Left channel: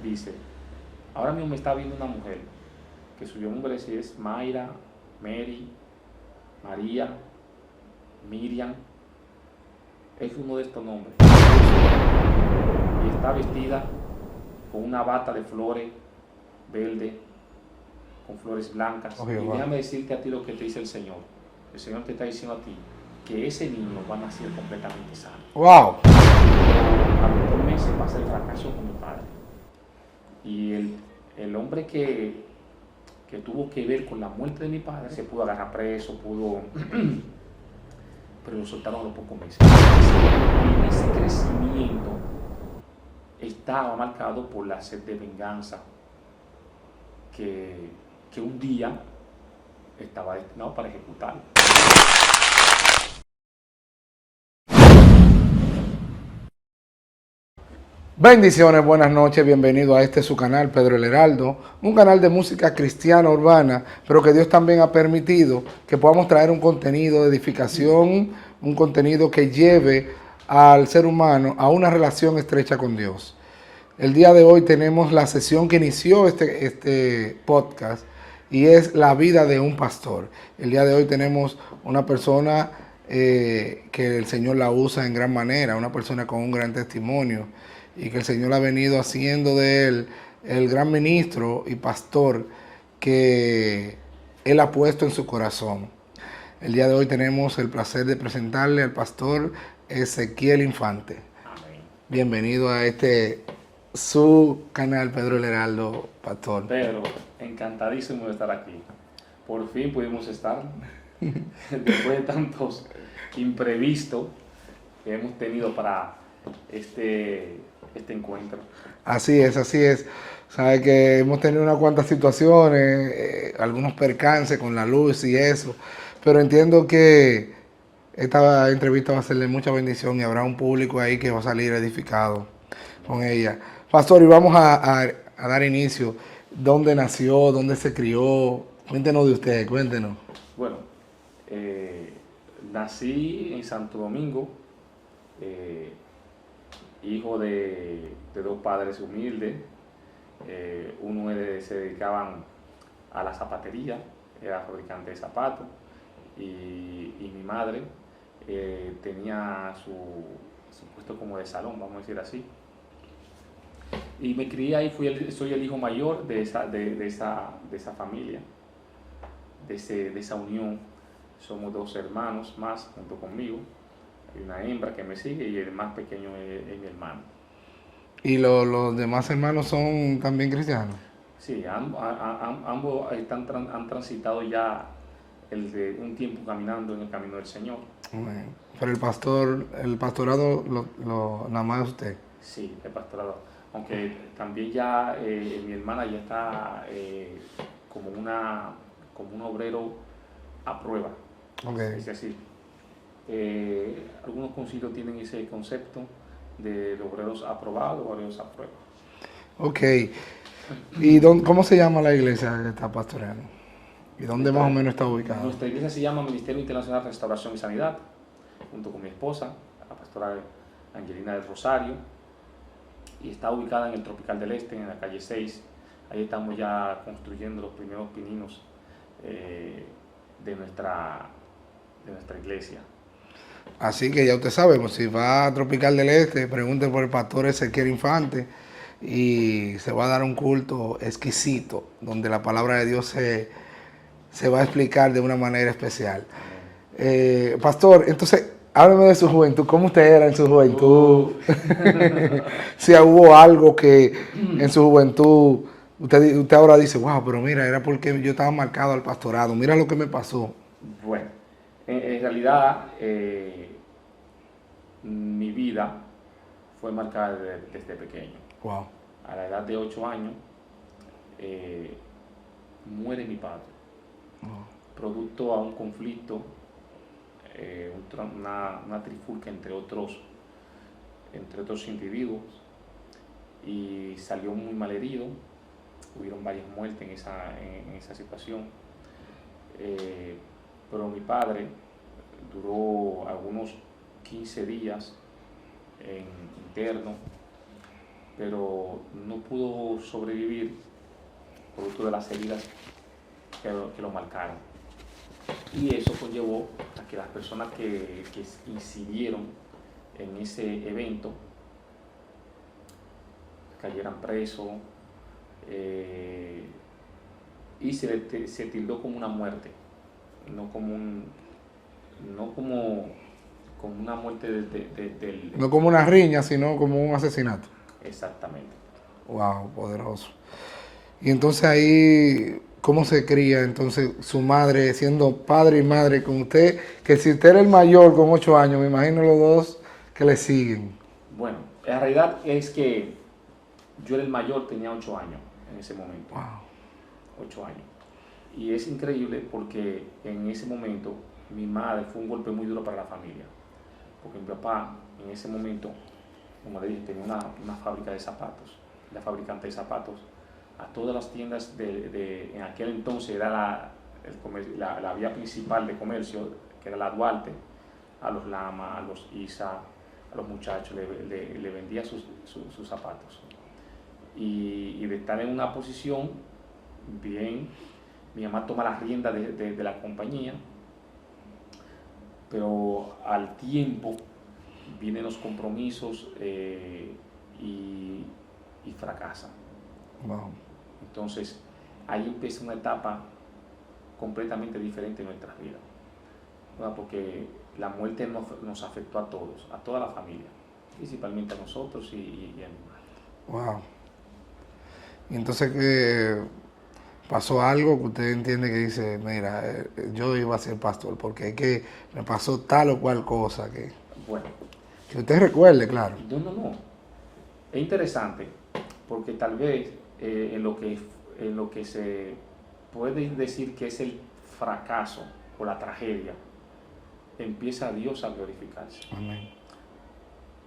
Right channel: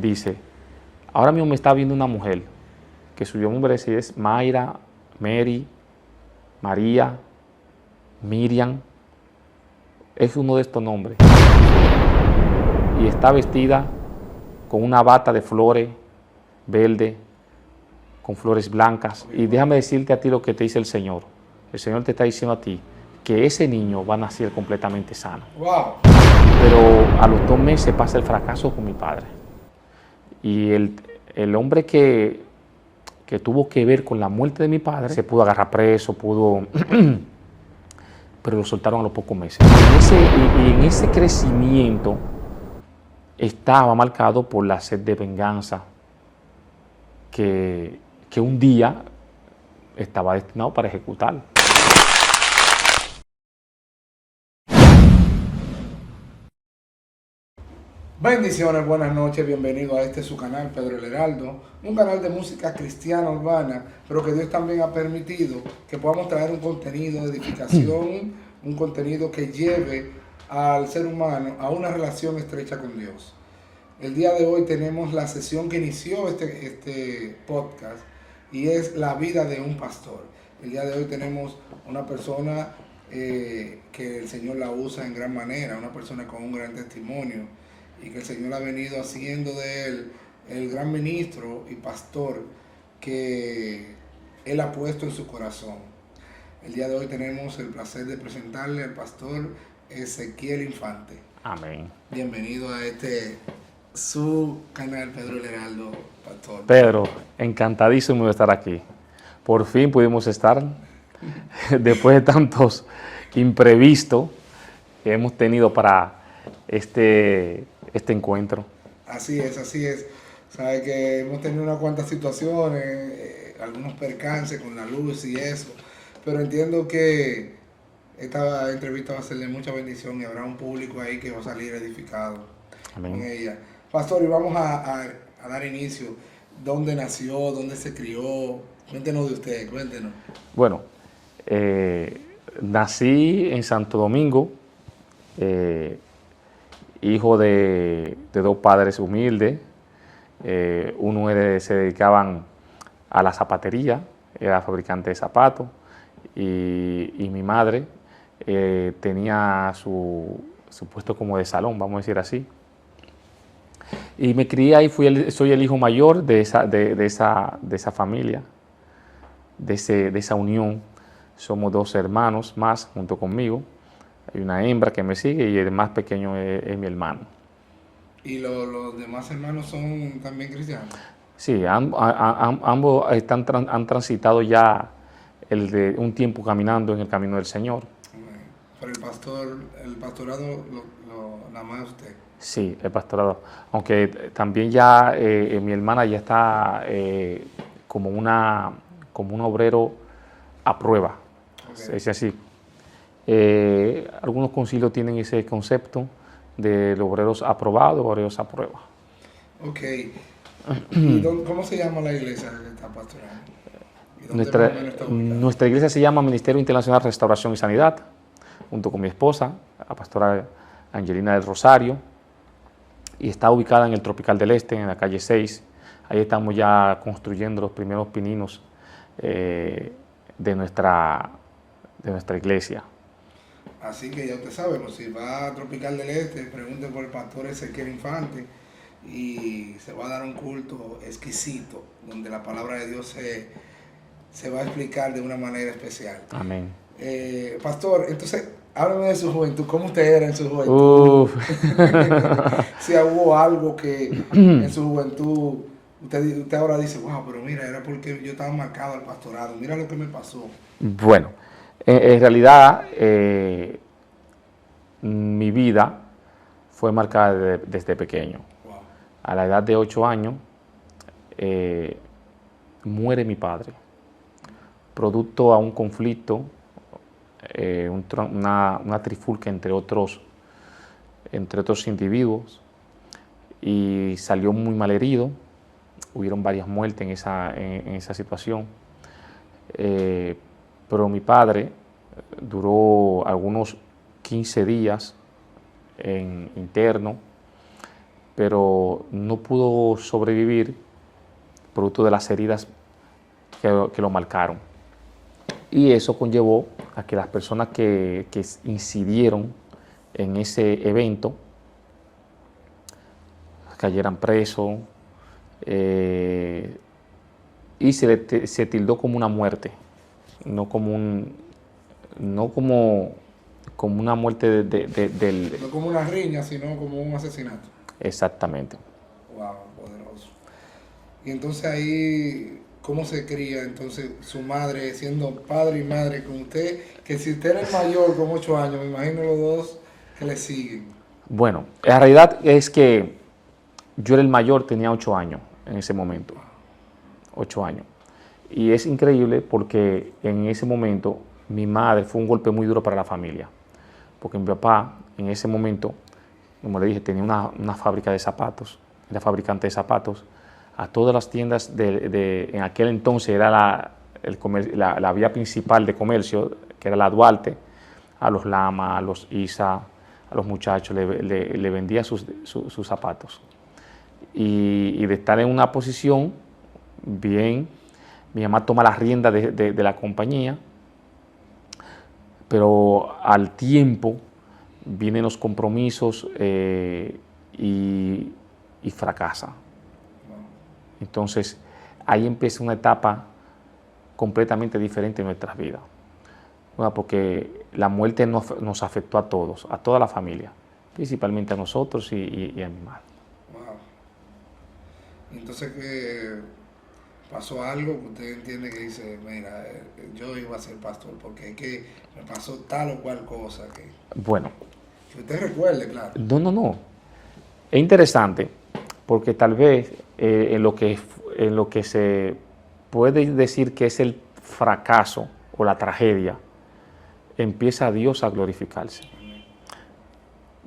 dice, ahora mismo me está viendo una mujer que su nombre es Mayra, Mary, María, Miriam, es uno de estos nombres. Y está vestida con una bata de flores verde, con flores blancas. Okay, Y wow. déjame decirte a ti lo que te dice el Señor. El Señor te está diciendo a ti que ese niño va a nacer completamente sano. Wow. Pero a los 2 meses pasa el fracaso con mi padre. Y el hombre que tuvo que ver con la muerte de mi padre se pudo agarrar preso, pero lo soltaron a los pocos meses. Y en ese crecimiento estaba marcado por la sed de venganza que un día estaba destinado para ejecutar. Bendiciones, buenas noches, bienvenido a este su canal, Pedro el Heraldo, un canal de música cristiana urbana, pero que Dios también ha permitido que podamos traer un contenido de edificación, un contenido que lleve al ser humano a una relación estrecha con Dios. El día de hoy tenemos la sesión que inició este podcast y es la vida de un pastor. El día de hoy tenemos una persona que el Señor la usa en gran manera, una persona con un gran testimonio y que el Señor ha venido haciendo de él el gran ministro y pastor que Él ha puesto en su corazón. El día de hoy tenemos el placer de presentarle al pastor Ezequiel Infante. Amén. Bienvenido a su canal, Pedro el Heraldo, pastor. Pedro, encantadísimo de estar aquí. Por fin pudimos estar, después de tantos imprevistos que hemos tenido para este encuentro. Así es, así es. Sabe que hemos tenido unas cuantas situaciones, algunos percances con la luz y eso, pero entiendo que esta entrevista va a ser de mucha bendición y habrá un público ahí que va a salir edificado. Amén. Con ella. Pastor, y vamos a dar inicio. ¿Dónde nació? ¿Dónde se crió? Cuéntenos de usted, cuéntenos. Bueno, nací en Santo Domingo, hijo de 2 padres humildes. Uno se dedicaban a la zapatería, era fabricante de zapatos, y mi madre tenía su puesto como de salón, vamos a decir así. Y me crié ahí, soy el hijo mayor de esa familia, de esa unión. Somos 2 hermanos más junto conmigo. Hay una hembra que me sigue y el más pequeño es mi hermano. ¿Y los demás hermanos son también cristianos? Sí, ambos han transitado ya un tiempo caminando en el camino del Señor. Pero el pastorado nada más usted. Sí, el pastorado. Aunque también ya mi hermana ya está como un obrero a prueba. Okay. Es así. Algunos concilios tienen ese concepto de los obreros aprobados, obreros a prueba. Ok. ¿Y cómo se llama la iglesia que está pastoreando? ¿Y dónde más o menos está ubicada? Nuestra iglesia se llama Ministerio Internacional de Restauración y Sanidad, junto con mi esposa, la pastora Angelina del Rosario, y está ubicada en el Tropical del Este, en la calle 6. Ahí estamos ya construyendo los primeros pininos de nuestra iglesia. Así que ya usted sabe, pues, si va a Tropical del Este, pregunten por el pastor Ezequiel Infante y se va a dar un culto exquisito, donde la palabra de Dios se va a explicar de una manera especial. Amén. Pastor, entonces, háblame de su juventud. ¿Cómo usted era en su juventud? Si hubo algo que en su juventud usted ahora dice, wow, pero mira, era porque yo estaba marcado al pastorado. Mira lo que me pasó. Bueno, en realidad mi vida fue marcada desde pequeño. Wow. A la edad de 8 años muere mi padre, producto a un conflicto, una trifulca entre otros individuos, y salió muy mal herido. Hubieron varias muertes en esa situación, pero mi padre duró algunos 15 días interno, pero no pudo sobrevivir producto de las heridas que lo marcaron. Y eso conllevó a que las personas que incidieron en ese evento cayeran presos, y se tildó como una muerte, no como una muerte del... No como una riña, sino como un asesinato. Exactamente. Wow, poderoso. Y entonces ahí, ¿cómo se cría entonces su madre siendo padre y madre con usted? Que si usted era el mayor con 8 años, me imagino los dos que le siguen. Bueno, la realidad es que yo era el mayor, tenía 8 años en ese momento. 8 años. Y es increíble porque en ese momento mi madre fue un golpe muy duro para la familia. Porque mi papá en ese momento, como le dije, tenía una fábrica de zapatos, era fabricante de zapatos. A todas las tiendas en aquel entonces era la vía principal de comercio, que era la Duarte, a los Lama, a los Isa, a los muchachos, le vendía sus zapatos. Y de estar en una posición bien, mi mamá toma la rienda de la compañía, pero al tiempo vienen los compromisos y fracasa. Wow. Entonces, ahí empieza una etapa completamente diferente en nuestras vidas. Bueno, porque la muerte nos afectó a todos, a toda la familia, principalmente a nosotros y a mi madre. Wow. Y entonces pasó algo que usted entiende que dice, mira, yo iba a ser pastor porque es que me pasó tal o cual cosa que Bueno, usted recuerde, claro. no. Es interesante porque tal vez en lo que se puede decir que es el fracaso o la tragedia, empieza Dios a glorificarse. Amén.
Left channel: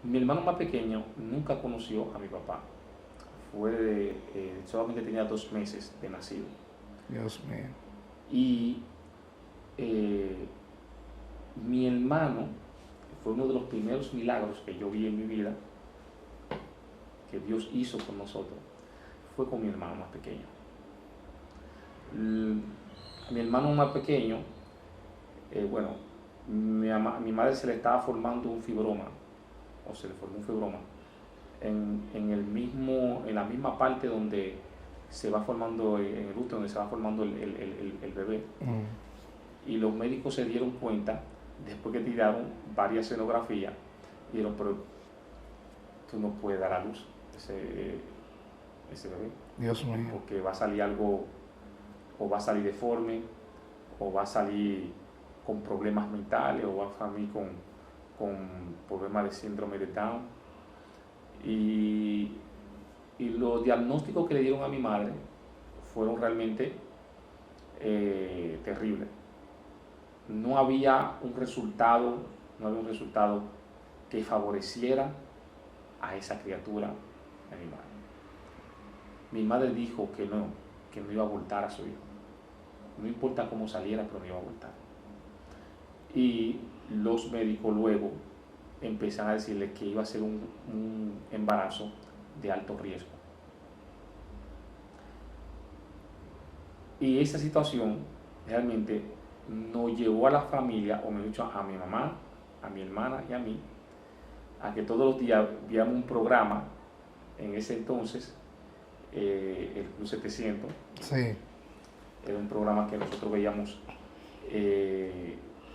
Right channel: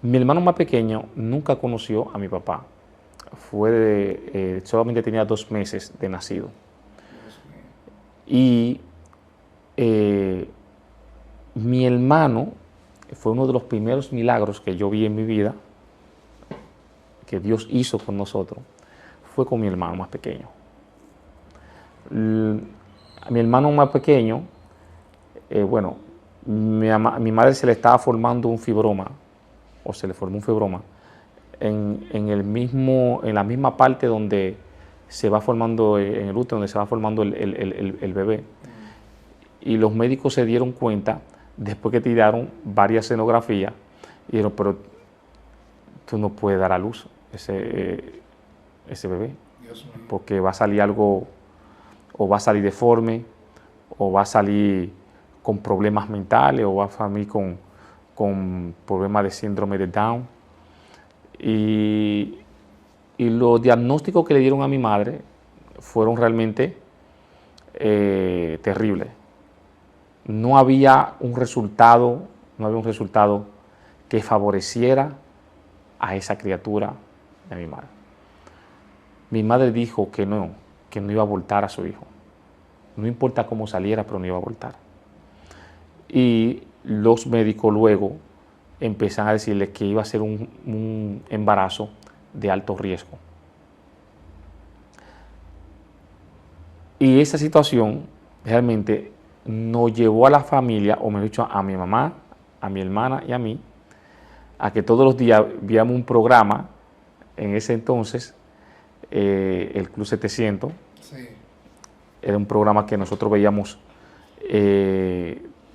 Mi hermano más pequeño nunca conoció a mi papá. Solamente tenía 2 meses de nacido. Dios mío. Y mi hermano fue uno de los primeros milagros que yo vi en mi vida, que Dios hizo con nosotros, fue con mi hermano más pequeño. Mi hermano más pequeño, mi madre se le estaba formando un fibroma, o se le formó un fibroma, en la misma parte donde se va formando, en el útero, donde se va formando el bebé. Y los médicos se dieron cuenta, después que tiraron varias escenografías, y dijeron, pero tú no puedes dar a luz ese bebé. Dios mío. Porque va a salir algo, o va a salir deforme, o va a salir con problemas mentales, o va a salir con problemas de síndrome de Down. Y los diagnósticos que le dieron a mi madre fueron realmente terribles. No había un resultado que favoreciera a esa criatura de mi madre. Mi madre dijo que no iba a abortar a su hijo. No importa cómo saliera, pero no iba a abortar. Y los médicos luego empiezan a decirle que iba a ser un embarazo de alto riesgo. Y esa situación realmente nos llevó a la familia, o mejor dicho, a mi mamá, a mi hermana y a mí, a que todos los días viéramos un programa, en ese entonces, el Club 700. Sí. Era un programa que nosotros veíamos,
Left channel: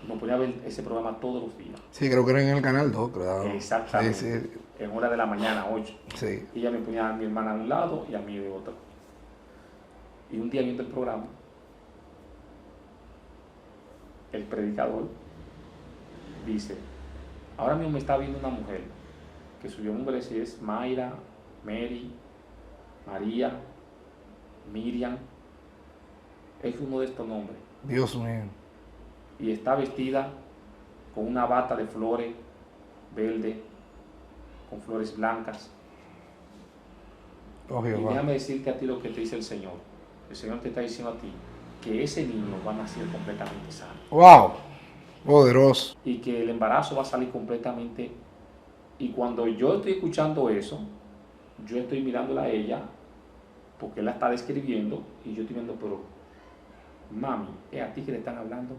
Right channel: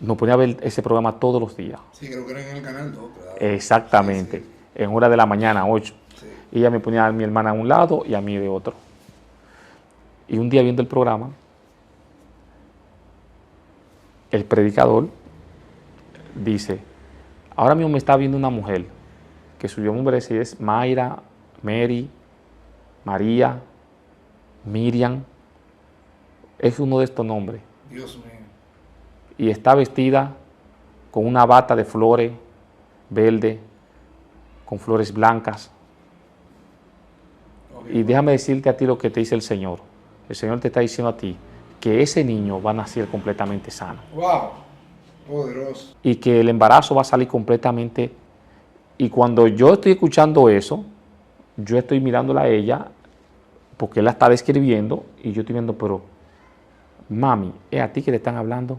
nos ponía a ver ese programa todos los días. Sí, creo que era en el Canal 2, ¿verdad? Exactamente, sí. En hora de la mañana, 8. Sí. Y ella me ponía a mi hermana a un lado y a mí de otro. Y un día viendo el programa, el predicador dice, ahora mismo me está viendo una mujer que su nombre es Mayra, Mary, María, Miriam, es uno de estos nombres. Dios mío. Y está vestida con una bata de flores verde, con flores blancas. Y déjame decirte a ti lo que te dice el Señor. El Señor te está diciendo a ti que ese niño va a nacer completamente sano. ¡Wow! Poderoso. Y que el embarazo va a salir completamente. Y cuando yo estoy escuchando eso, yo estoy mirándola a ella porque él la está describiendo y yo estoy viendo, pero mami, ¿es a ti que le están hablando?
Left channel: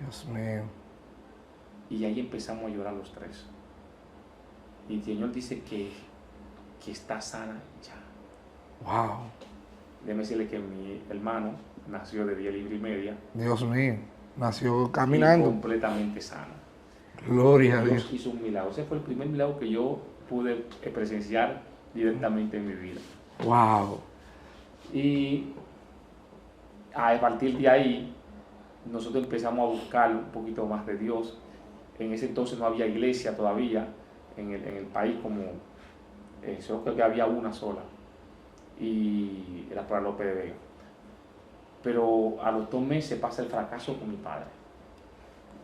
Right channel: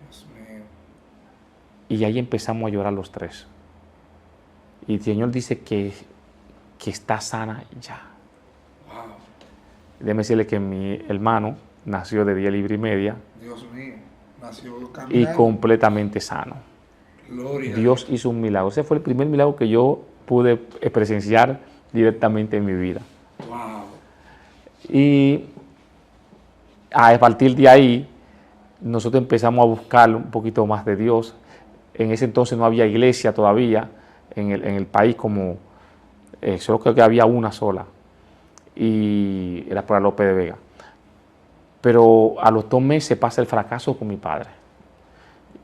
Dios mío. Y ahí empezamos a llorar los tres. Y el Señor dice que está sana ya. Wow. Déjeme decirle que mi hermano nació de 10 libras y media. Dios mío. Nació Y caminando. completamente sano. Gloria a Dios Dios. hizo un milagro. Ese fue el primer milagro que yo pude presenciar directamente en mi vida. Wow. Y a partir de ahí, nosotros empezamos a buscar un poquito más de Dios. En ese entonces no había iglesia todavía en el país, como solo creo que había una sola. Y era para López de Vega. Pero a los 2 meses pasa el fracaso con mi padre.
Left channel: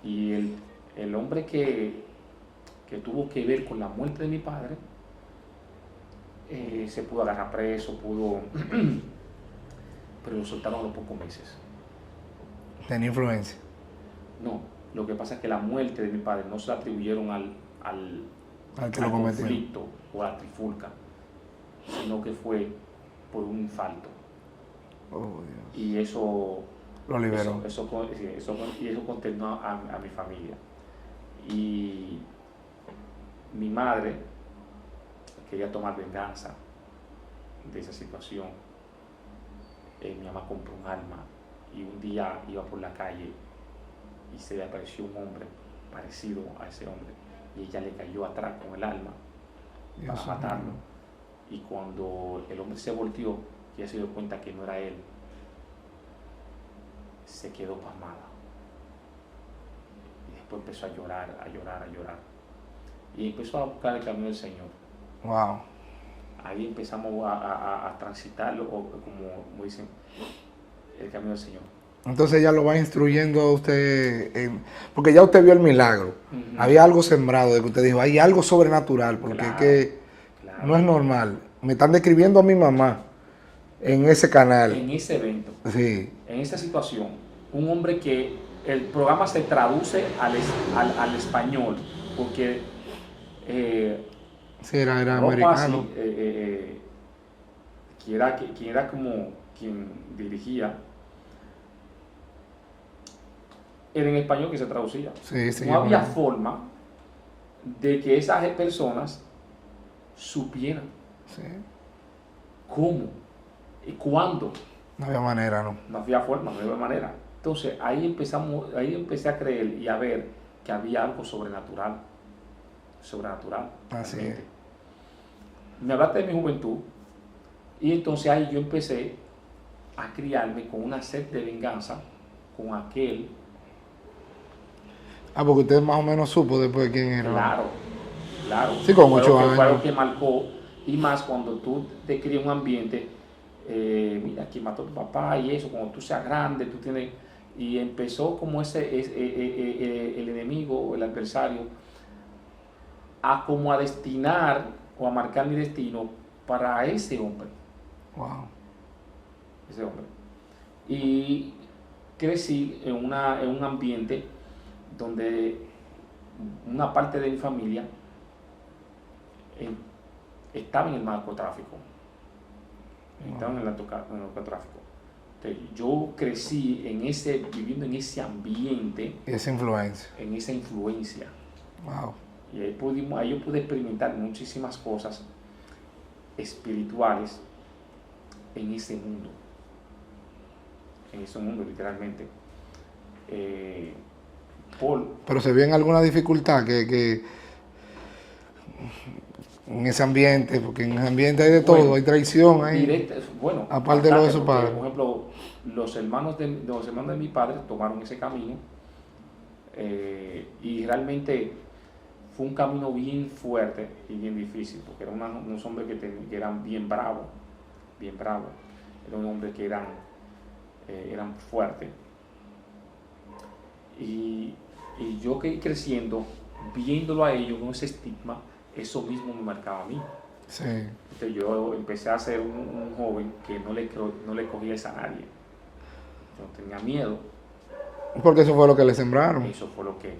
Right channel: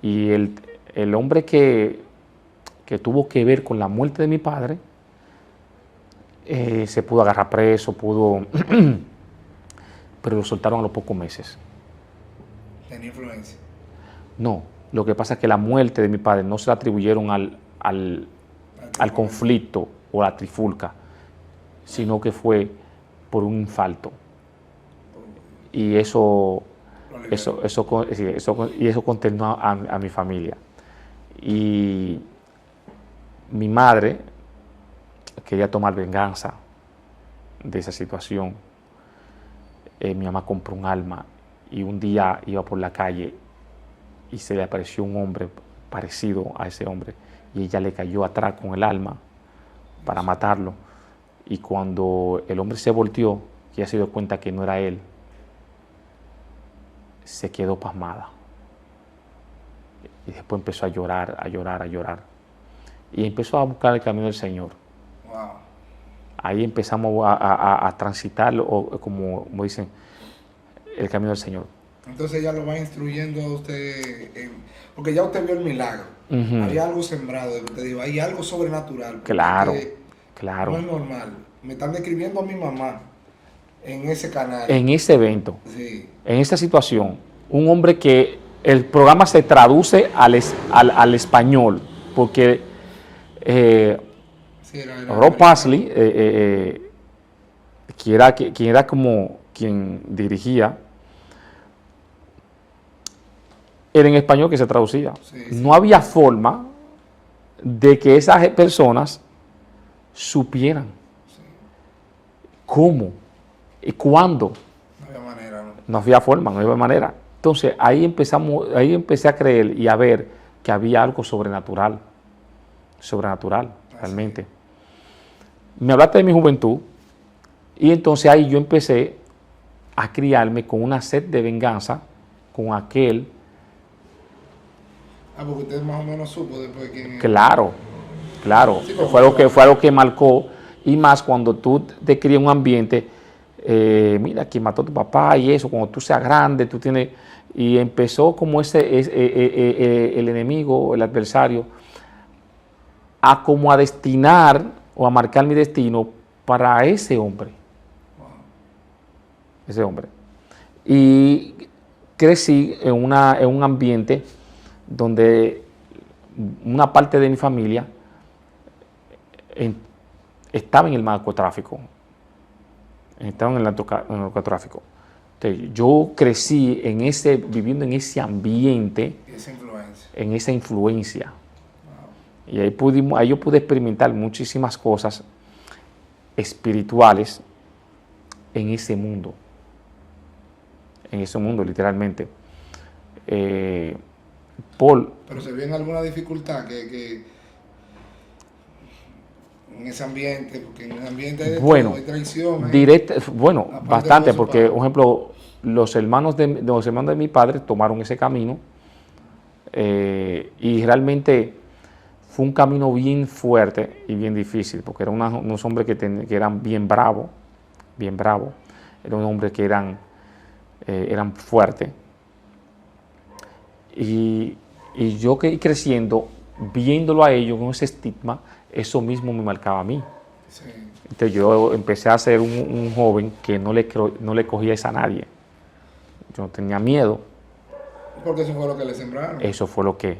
Y el hombre que tuvo que ver con la muerte de mi padre, se pudo agarrar preso, pero lo soltaron a los pocos meses. Tenía influencia. No, lo que pasa es que la muerte de mi padre no se la atribuyeron al conflicto o a la trifulca, sino que fue por un infarto. Oh, Y eso lo eso consternó a mi familia. Y mi madre quería tomar venganza de esa situación. Mi mamá compró un arma y un día iba por la calle y se le apareció un hombre parecido a ese hombre y ella le cayó atrás con el arma para matarlo. Y cuando el hombre se volteó, ella se dio cuenta que no era él, se quedó pasmada. Y después empezó a llorar, a llorar, a llorar. Y empezó a buscar el camino del Señor. Wow. Ahí empezamos a transitar, como dicen, el camino del Señor. Entonces ella lo va instruyendo a usted, porque ya usted vio el milagro. Ujú. Había algo sembrado de que usted dijo, hay algo sobrenatural. Porque Claro, es que claro. no es normal. Me están describiendo a mi mamá en ese canal. En ese evento, Sí. en esa situación, un hombre que el programa se traduce al español, porque Sí, era Rob americano. Pasley, quien era como quien dirigía, era en español que se traducía. Sí, sí, No había bueno. forma de que esas personas supieran Sí. cómo y cuándo. No había manera, ¿no? No había forma, no había manera. Entonces ahí empecé a creer y a ver que había algo sobrenatural, Así realmente. Me hablaste de mi juventud y entonces ahí yo empecé a criarme con una sed de venganza con aquel. Ah, porque usted más o menos supo después de quién era. Claro, claro. Sí, con Fue muchos fue algo años. que marcó. Y más cuando tú te crías en un ambiente, mira, quien mató a tu papá y eso, cuando tú seas grande, tú tienes. Y empezó como el enemigo, el adversario, a destinar o a marcar mi destino para ese hombre. Wow. Ese hombre. Y crecí en un ambiente donde una parte de mi familia estaba en el narcotráfico. Estaba en el narcotráfico. Entonces, yo crecí viviendo en ese ambiente, Y esa influencia. en esa influencia. Wow. Y ahí yo pude experimentar muchísimas cosas espirituales en ese mundo, literalmente. Pero se vio en alguna dificultad que en ese ambiente, porque en ese ambiente hay de todo, hay traición, hay aparte de bastante, eso, porque, por ejemplo, los hermanos de mi padre tomaron ese camino y realmente fue un camino bien fuerte y bien difícil, porque eran unos hombres que eran bien bravos, eran unos hombres que eran fuertes. Y yo que creciendo, viéndolo a ellos con ese estigma, eso mismo me marcaba a mí. Sí. Entonces yo empecé a ser un joven que no le cogía esa a nadie. Yo tenía miedo. Porque eso fue lo que le sembraron. Eso fue lo que...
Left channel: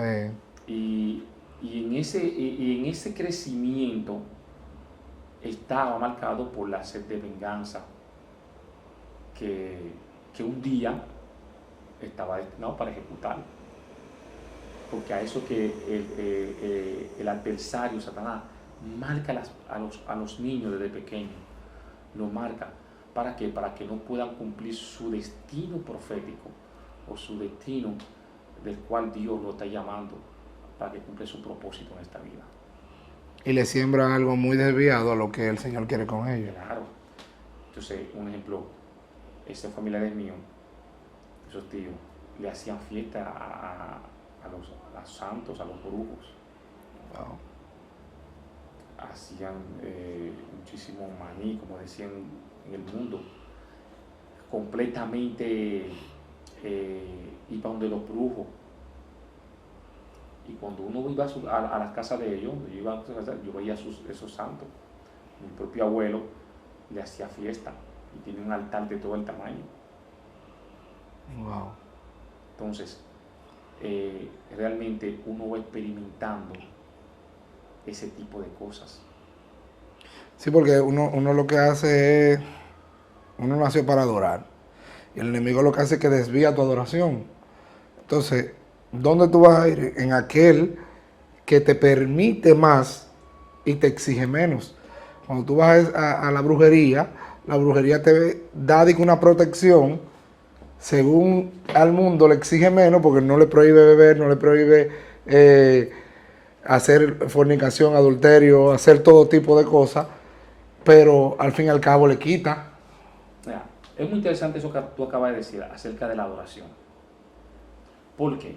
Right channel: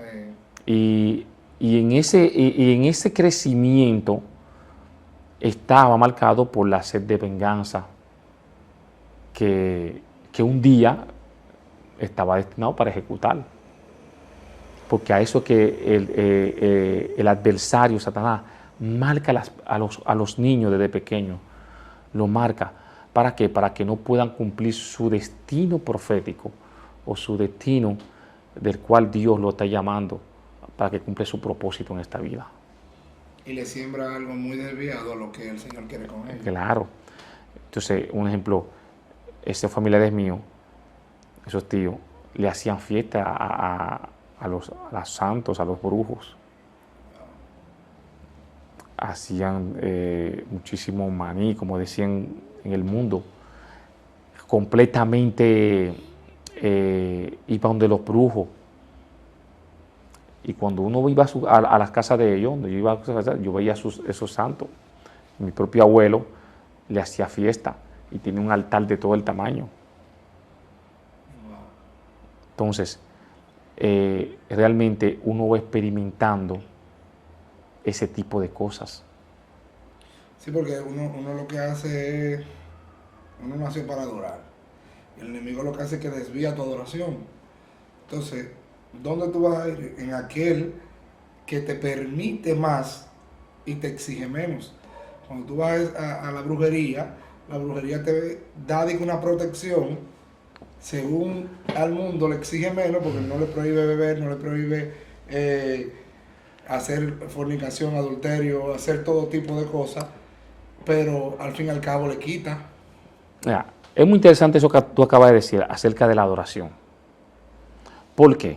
Eh, Y en ese crecimiento, estaba marcado por la sed de venganza que un día estaba destinado para ejecutar. Porque a eso que el adversario, Satanás, marca a los niños desde pequeños, lo marca. ¿Para qué? Para que no puedan cumplir su destino profético o su destino del cual Dios lo está llamando para que cumpla su propósito en esta vida. Y le siembra algo muy desviado a lo que el Señor quiere con ellos. Claro. Entonces, un ejemplo, esos familiares míos, esos tíos, le hacían fiesta a los santos, a los brujos. Hacían muchísimo maní, como decían en el mundo, completamente iban de los brujos. Y cuando uno iba a las casas de ellos, yo veía esos santos. Mi propio abuelo le hacía fiesta y tiene un altar de todo el tamaño. Wow. Entonces, realmente uno va experimentando ese tipo de cosas. Sí, porque uno lo que hace es, uno nació para adorar. Y el enemigo lo que hace es que desvía tu adoración. Entonces, ¿dónde tú vas a ir? En aquel que te permite más y te exige menos. Cuando tú vas a la brujería te da una protección, según al mundo le exige menos, porque no le prohíbe beber, no le prohíbe hacer fornicación, adulterio, hacer todo tipo de cosas, pero al fin y al cabo le quita. Mira, es muy interesante eso que tú acabas de decir acerca de la adoración. ¿Por qué?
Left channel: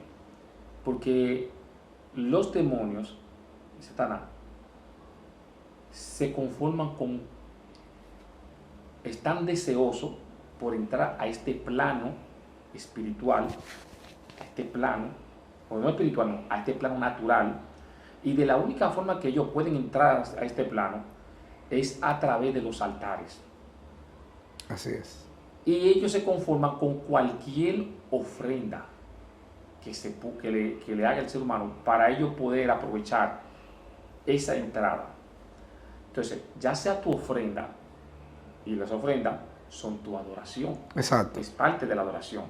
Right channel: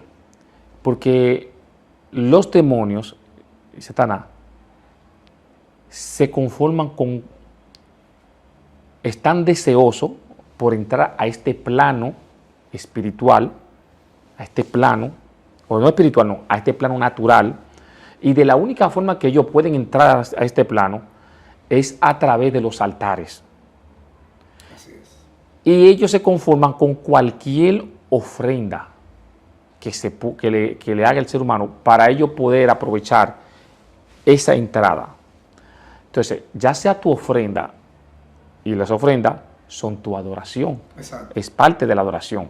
Porque los demonios y Satanás se conforman están deseosos por entrar a este plano espiritual, a este plano, o no espiritual, no, a este plano natural, y de la única forma que ellos pueden entrar a este plano es a través de los altares. Así es. Y ellos se conforman con cualquier ofrenda que le haga el ser humano para ellos poder aprovechar esa entrada. Entonces, ya sea tu ofrenda, y las ofrendas son tu adoración. Exacto. Es parte de la adoración.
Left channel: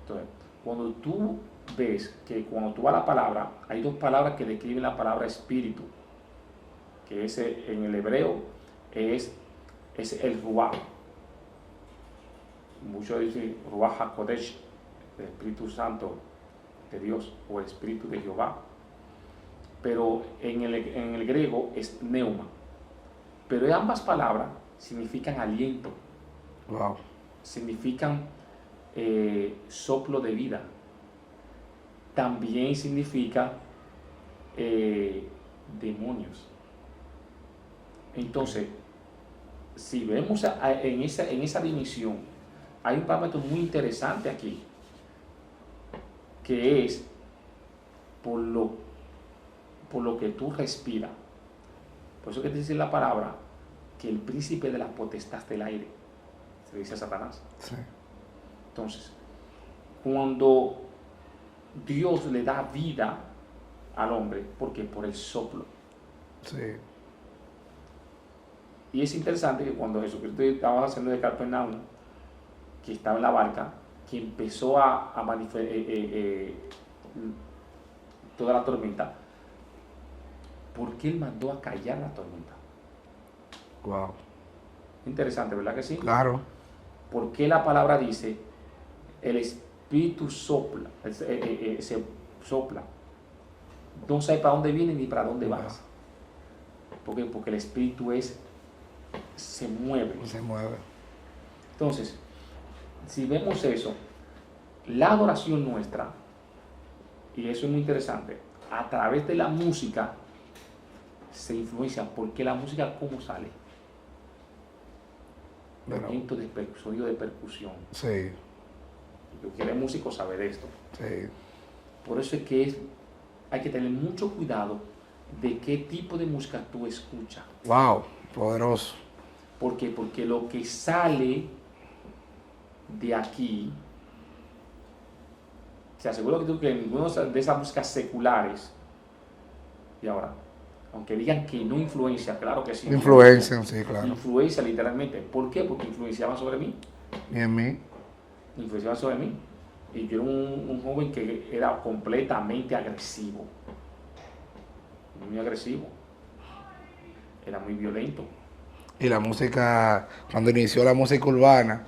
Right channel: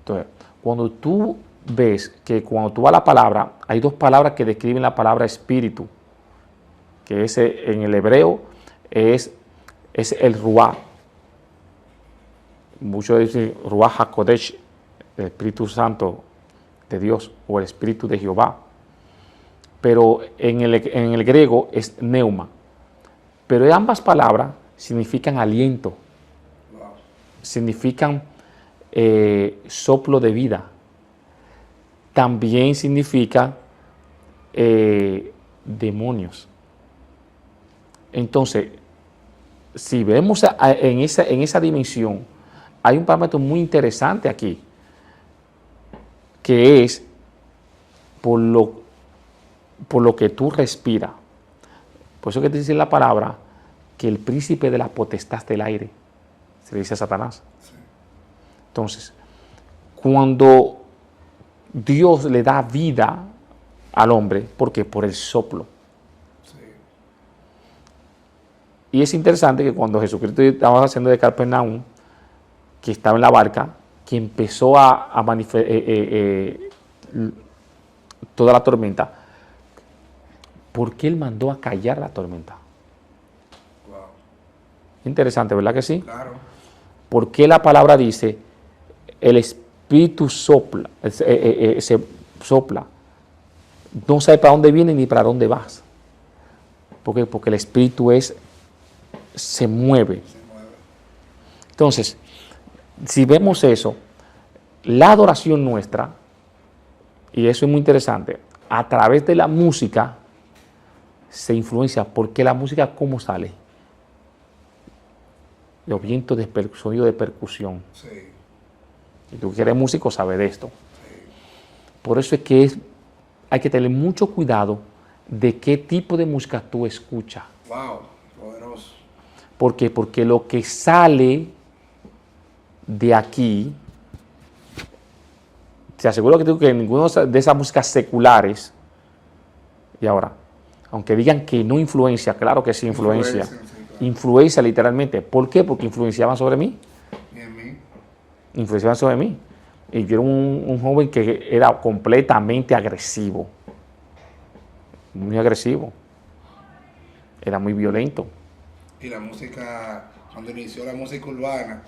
Entonces, cuando tú ves que cuando tú vas a la palabra, hay dos palabras que describen la palabra espíritu, que en el hebreo es el ruah. Muchos dicen ruah hakodesh, el Espíritu Santo de Dios o el Espíritu de Jehová. Pero en el griego es neuma. Pero ambas palabras significan aliento. Wow. Significan soplo de vida. También significa demonios. Entonces, si vemos en esa dimensión, hay un parámetro muy interesante aquí, que es por lo que tú respiras. Por eso que te dice la palabra que el príncipe de la potestad del aire se le dice a Satanás. Sí. Entonces, cuando Dios le da vida al hombre, ¿por qué? Por el soplo. Sí. Y es interesante que cuando Jesucristo estaba haciendo de Capernaum, que estaba en la barca, que empezó a manifestar toda la tormenta, ¿por qué Él mandó a callar la tormenta? Wow. Interesante, ¿verdad que sí? Claro. ¿Por qué la palabra dice el Espíritu sopla, se sopla? No sabe para dónde viene ni para dónde vas. ¿Por qué? Porque el Espíritu se mueve. Se mueve. Entonces, si vemos eso, la adoración nuestra, y eso es muy interesante, a través de la música se influencia, porque la música, ¿cómo sale? Los vientos de sonido de percusión. Sí. Y tú que eres músico sabes de esto. Sí. Por eso es que hay que tener mucho cuidado de qué tipo de música tú escuchas. Wow. Poderoso. ¿Por qué? Porque lo que sale de aquí, te aseguro que ninguna de esas músicas seculares, y ahora Aunque digan que no influencia, claro que sí influencia. Influencian, sí, claro. Influencia literalmente. ¿Por qué? Porque influenciaban sobre mí. Y en mí. Influenciaban sobre mí. Y yo era un joven que era completamente agresivo. Muy agresivo. Era muy violento. Y la música, cuando inició la música urbana,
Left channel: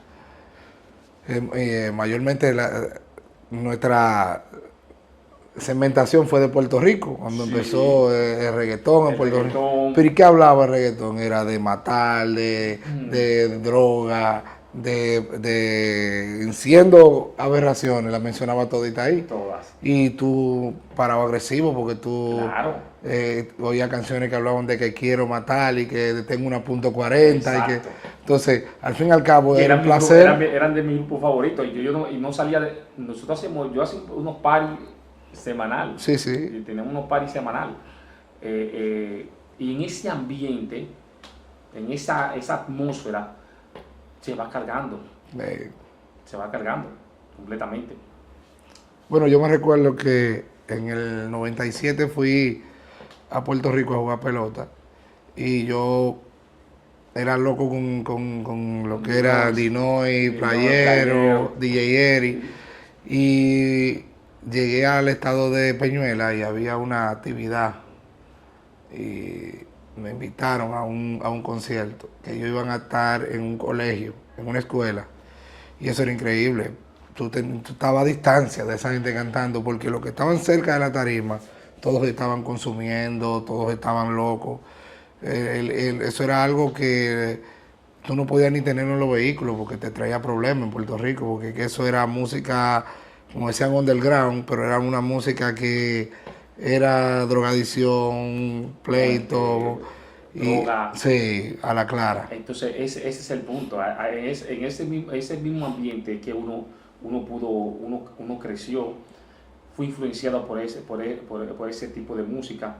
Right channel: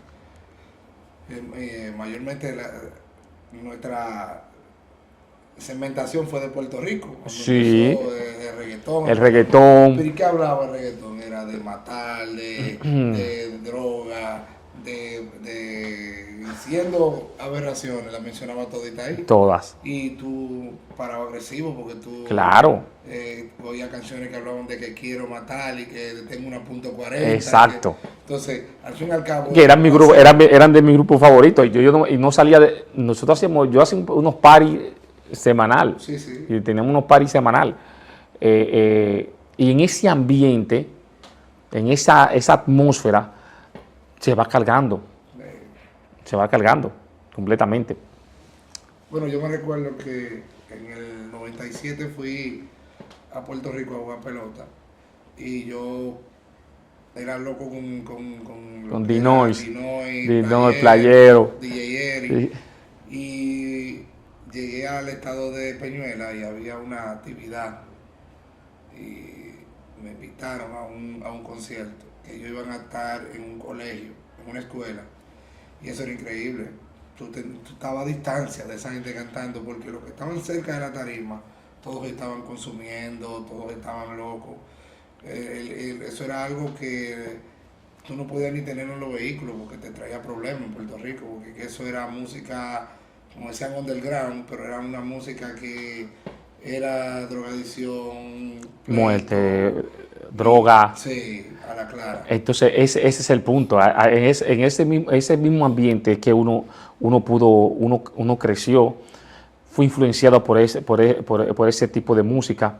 mayormente nuestra segmentación fue de Puerto Rico, cuando Sí, empezó el reggaetón el en Puerto Rico. reggaetón. ¿Pero y qué hablaba el reggaetón? Era de matar, de droga, siendo aberraciones, las mencionaba todita ahí. Todas. Y tú parabas agresivo porque tú Claro. oías canciones que hablaban de que quiero matar y que tengo una .40. Exacto. Entonces, al fin y al cabo, Que eran, mi grupo, placer. eran de mi grupo favorito. Y no salía de. Nosotros hacíamos, yo hacía unos paris semanal. Sí, sí. Y teníamos unos paris semanal. Y en ese ambiente, en esa atmósfera, se va cargando. Eh, Se va cargando completamente. bueno, yo me recuerdo que en el 97 fui a Puerto Rico a jugar pelota y yo era loco con lo Con que era Dinois, Dinois, Dinois, Playero, Playero. DJ Eri. Sí. Y llegué al estado de Peñuela y había una actividad y me invitaron a un concierto, que ellos iban a estar en un colegio, en una escuela, y eso era increíble. Tú estabas a distancia de esa gente cantando, porque los que estaban cerca de la tarima, todos estaban consumiendo, todos estaban locos. Eso era algo que tú no podías ni tenerlo en los vehículos, porque te traía problemas en Puerto Rico, porque que eso era música, como decían, underground, pero era una música que era drogadicción, pleito, Muerte, droga. Sí, a la clara. Entonces, ese es el punto. En ese mismo ambiente que uno creció, fue influenciado por ese tipo de música.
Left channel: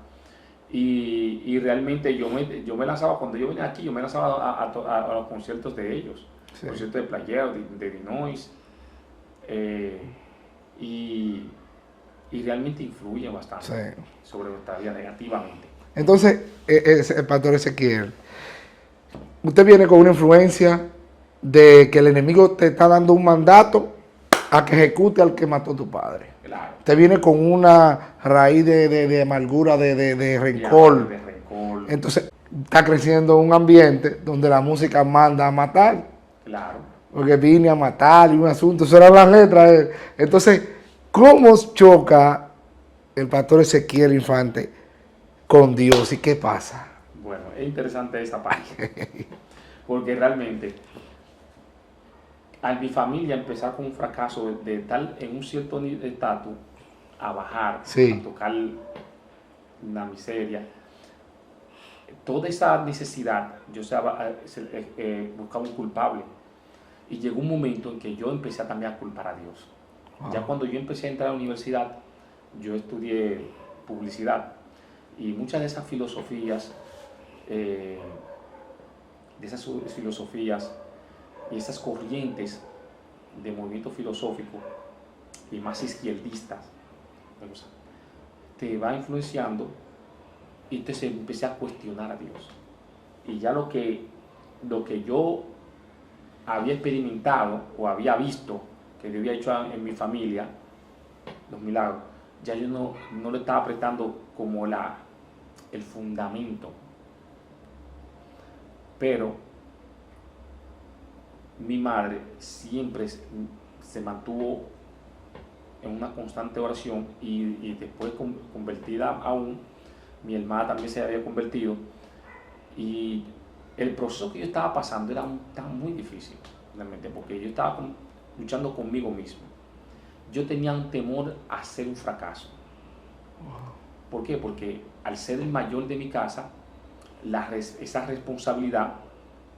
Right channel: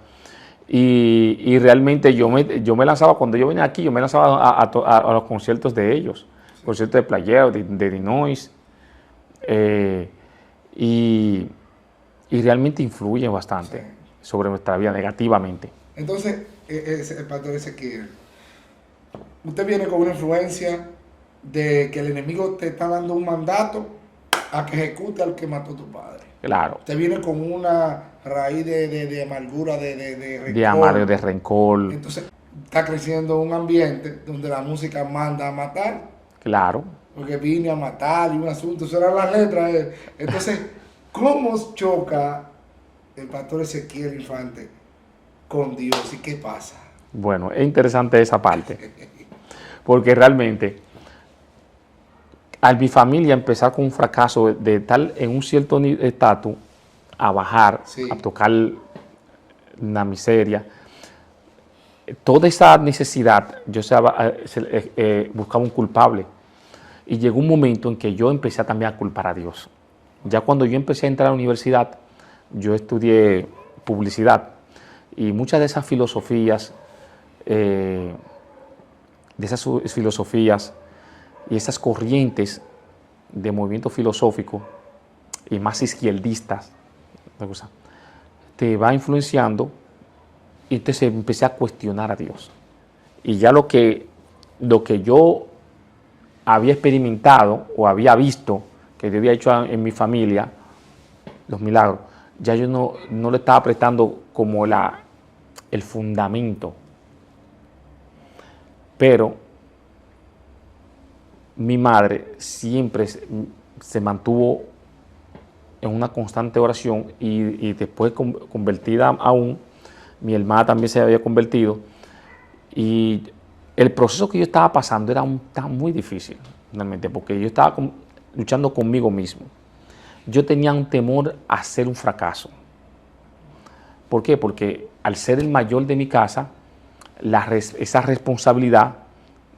Y realmente yo me lanzaba, cuando yo venía aquí, yo me lanzaba a los conciertos de ellos, Sí, conciertos de Playero, de Dinois, y, y realmente influyen sí. bastante sobre nuestra vida negativamente. Entonces, el pastor Ezequiel, usted viene con una influencia de que el enemigo te está dando un mandato a que ejecute al que mató a tu padre. Claro, Usted viene con una raíz de amargura, de de amar, rencor. de rencor, Entonces, está creciendo un ambiente donde la música manda a matar. claro. Porque vine a matar y un asunto, eso eran las letras. Entonces, ¿cómo choca el pastor Ezequiel Infante con Dios y qué pasa? Bueno, es interesante esa parte, porque realmente al mi familia empezar con un fracaso de tal en un cierto estatus a bajar, Sí. a tocar una miseria, toda esa necesidad, yo buscaba un culpable. Y llegó un momento en que yo empecé también a culpar a Dios. Ya cuando yo empecé a entrar a la universidad, yo estudié publicidad y muchas de esas filosofías, y esas corrientes de movimiento filosófico y más izquierdistas, te va influenciando y entonces empecé a cuestionar a Dios. Y ya lo que yo había experimentado o había visto que yo había hecho en mi familia, los milagros, ya yo no le estaba prestando como el fundamento. Pero mi madre siempre se mantuvo en una constante oración y después convertida aún, mi hermana también se había convertido y el proceso que yo estaba pasando estaba muy difícil, realmente, porque yo estaba luchando conmigo mismo. Yo tenía un temor a ser un fracaso. ¿Por qué? Porque al ser el mayor de mi casa, esa responsabilidad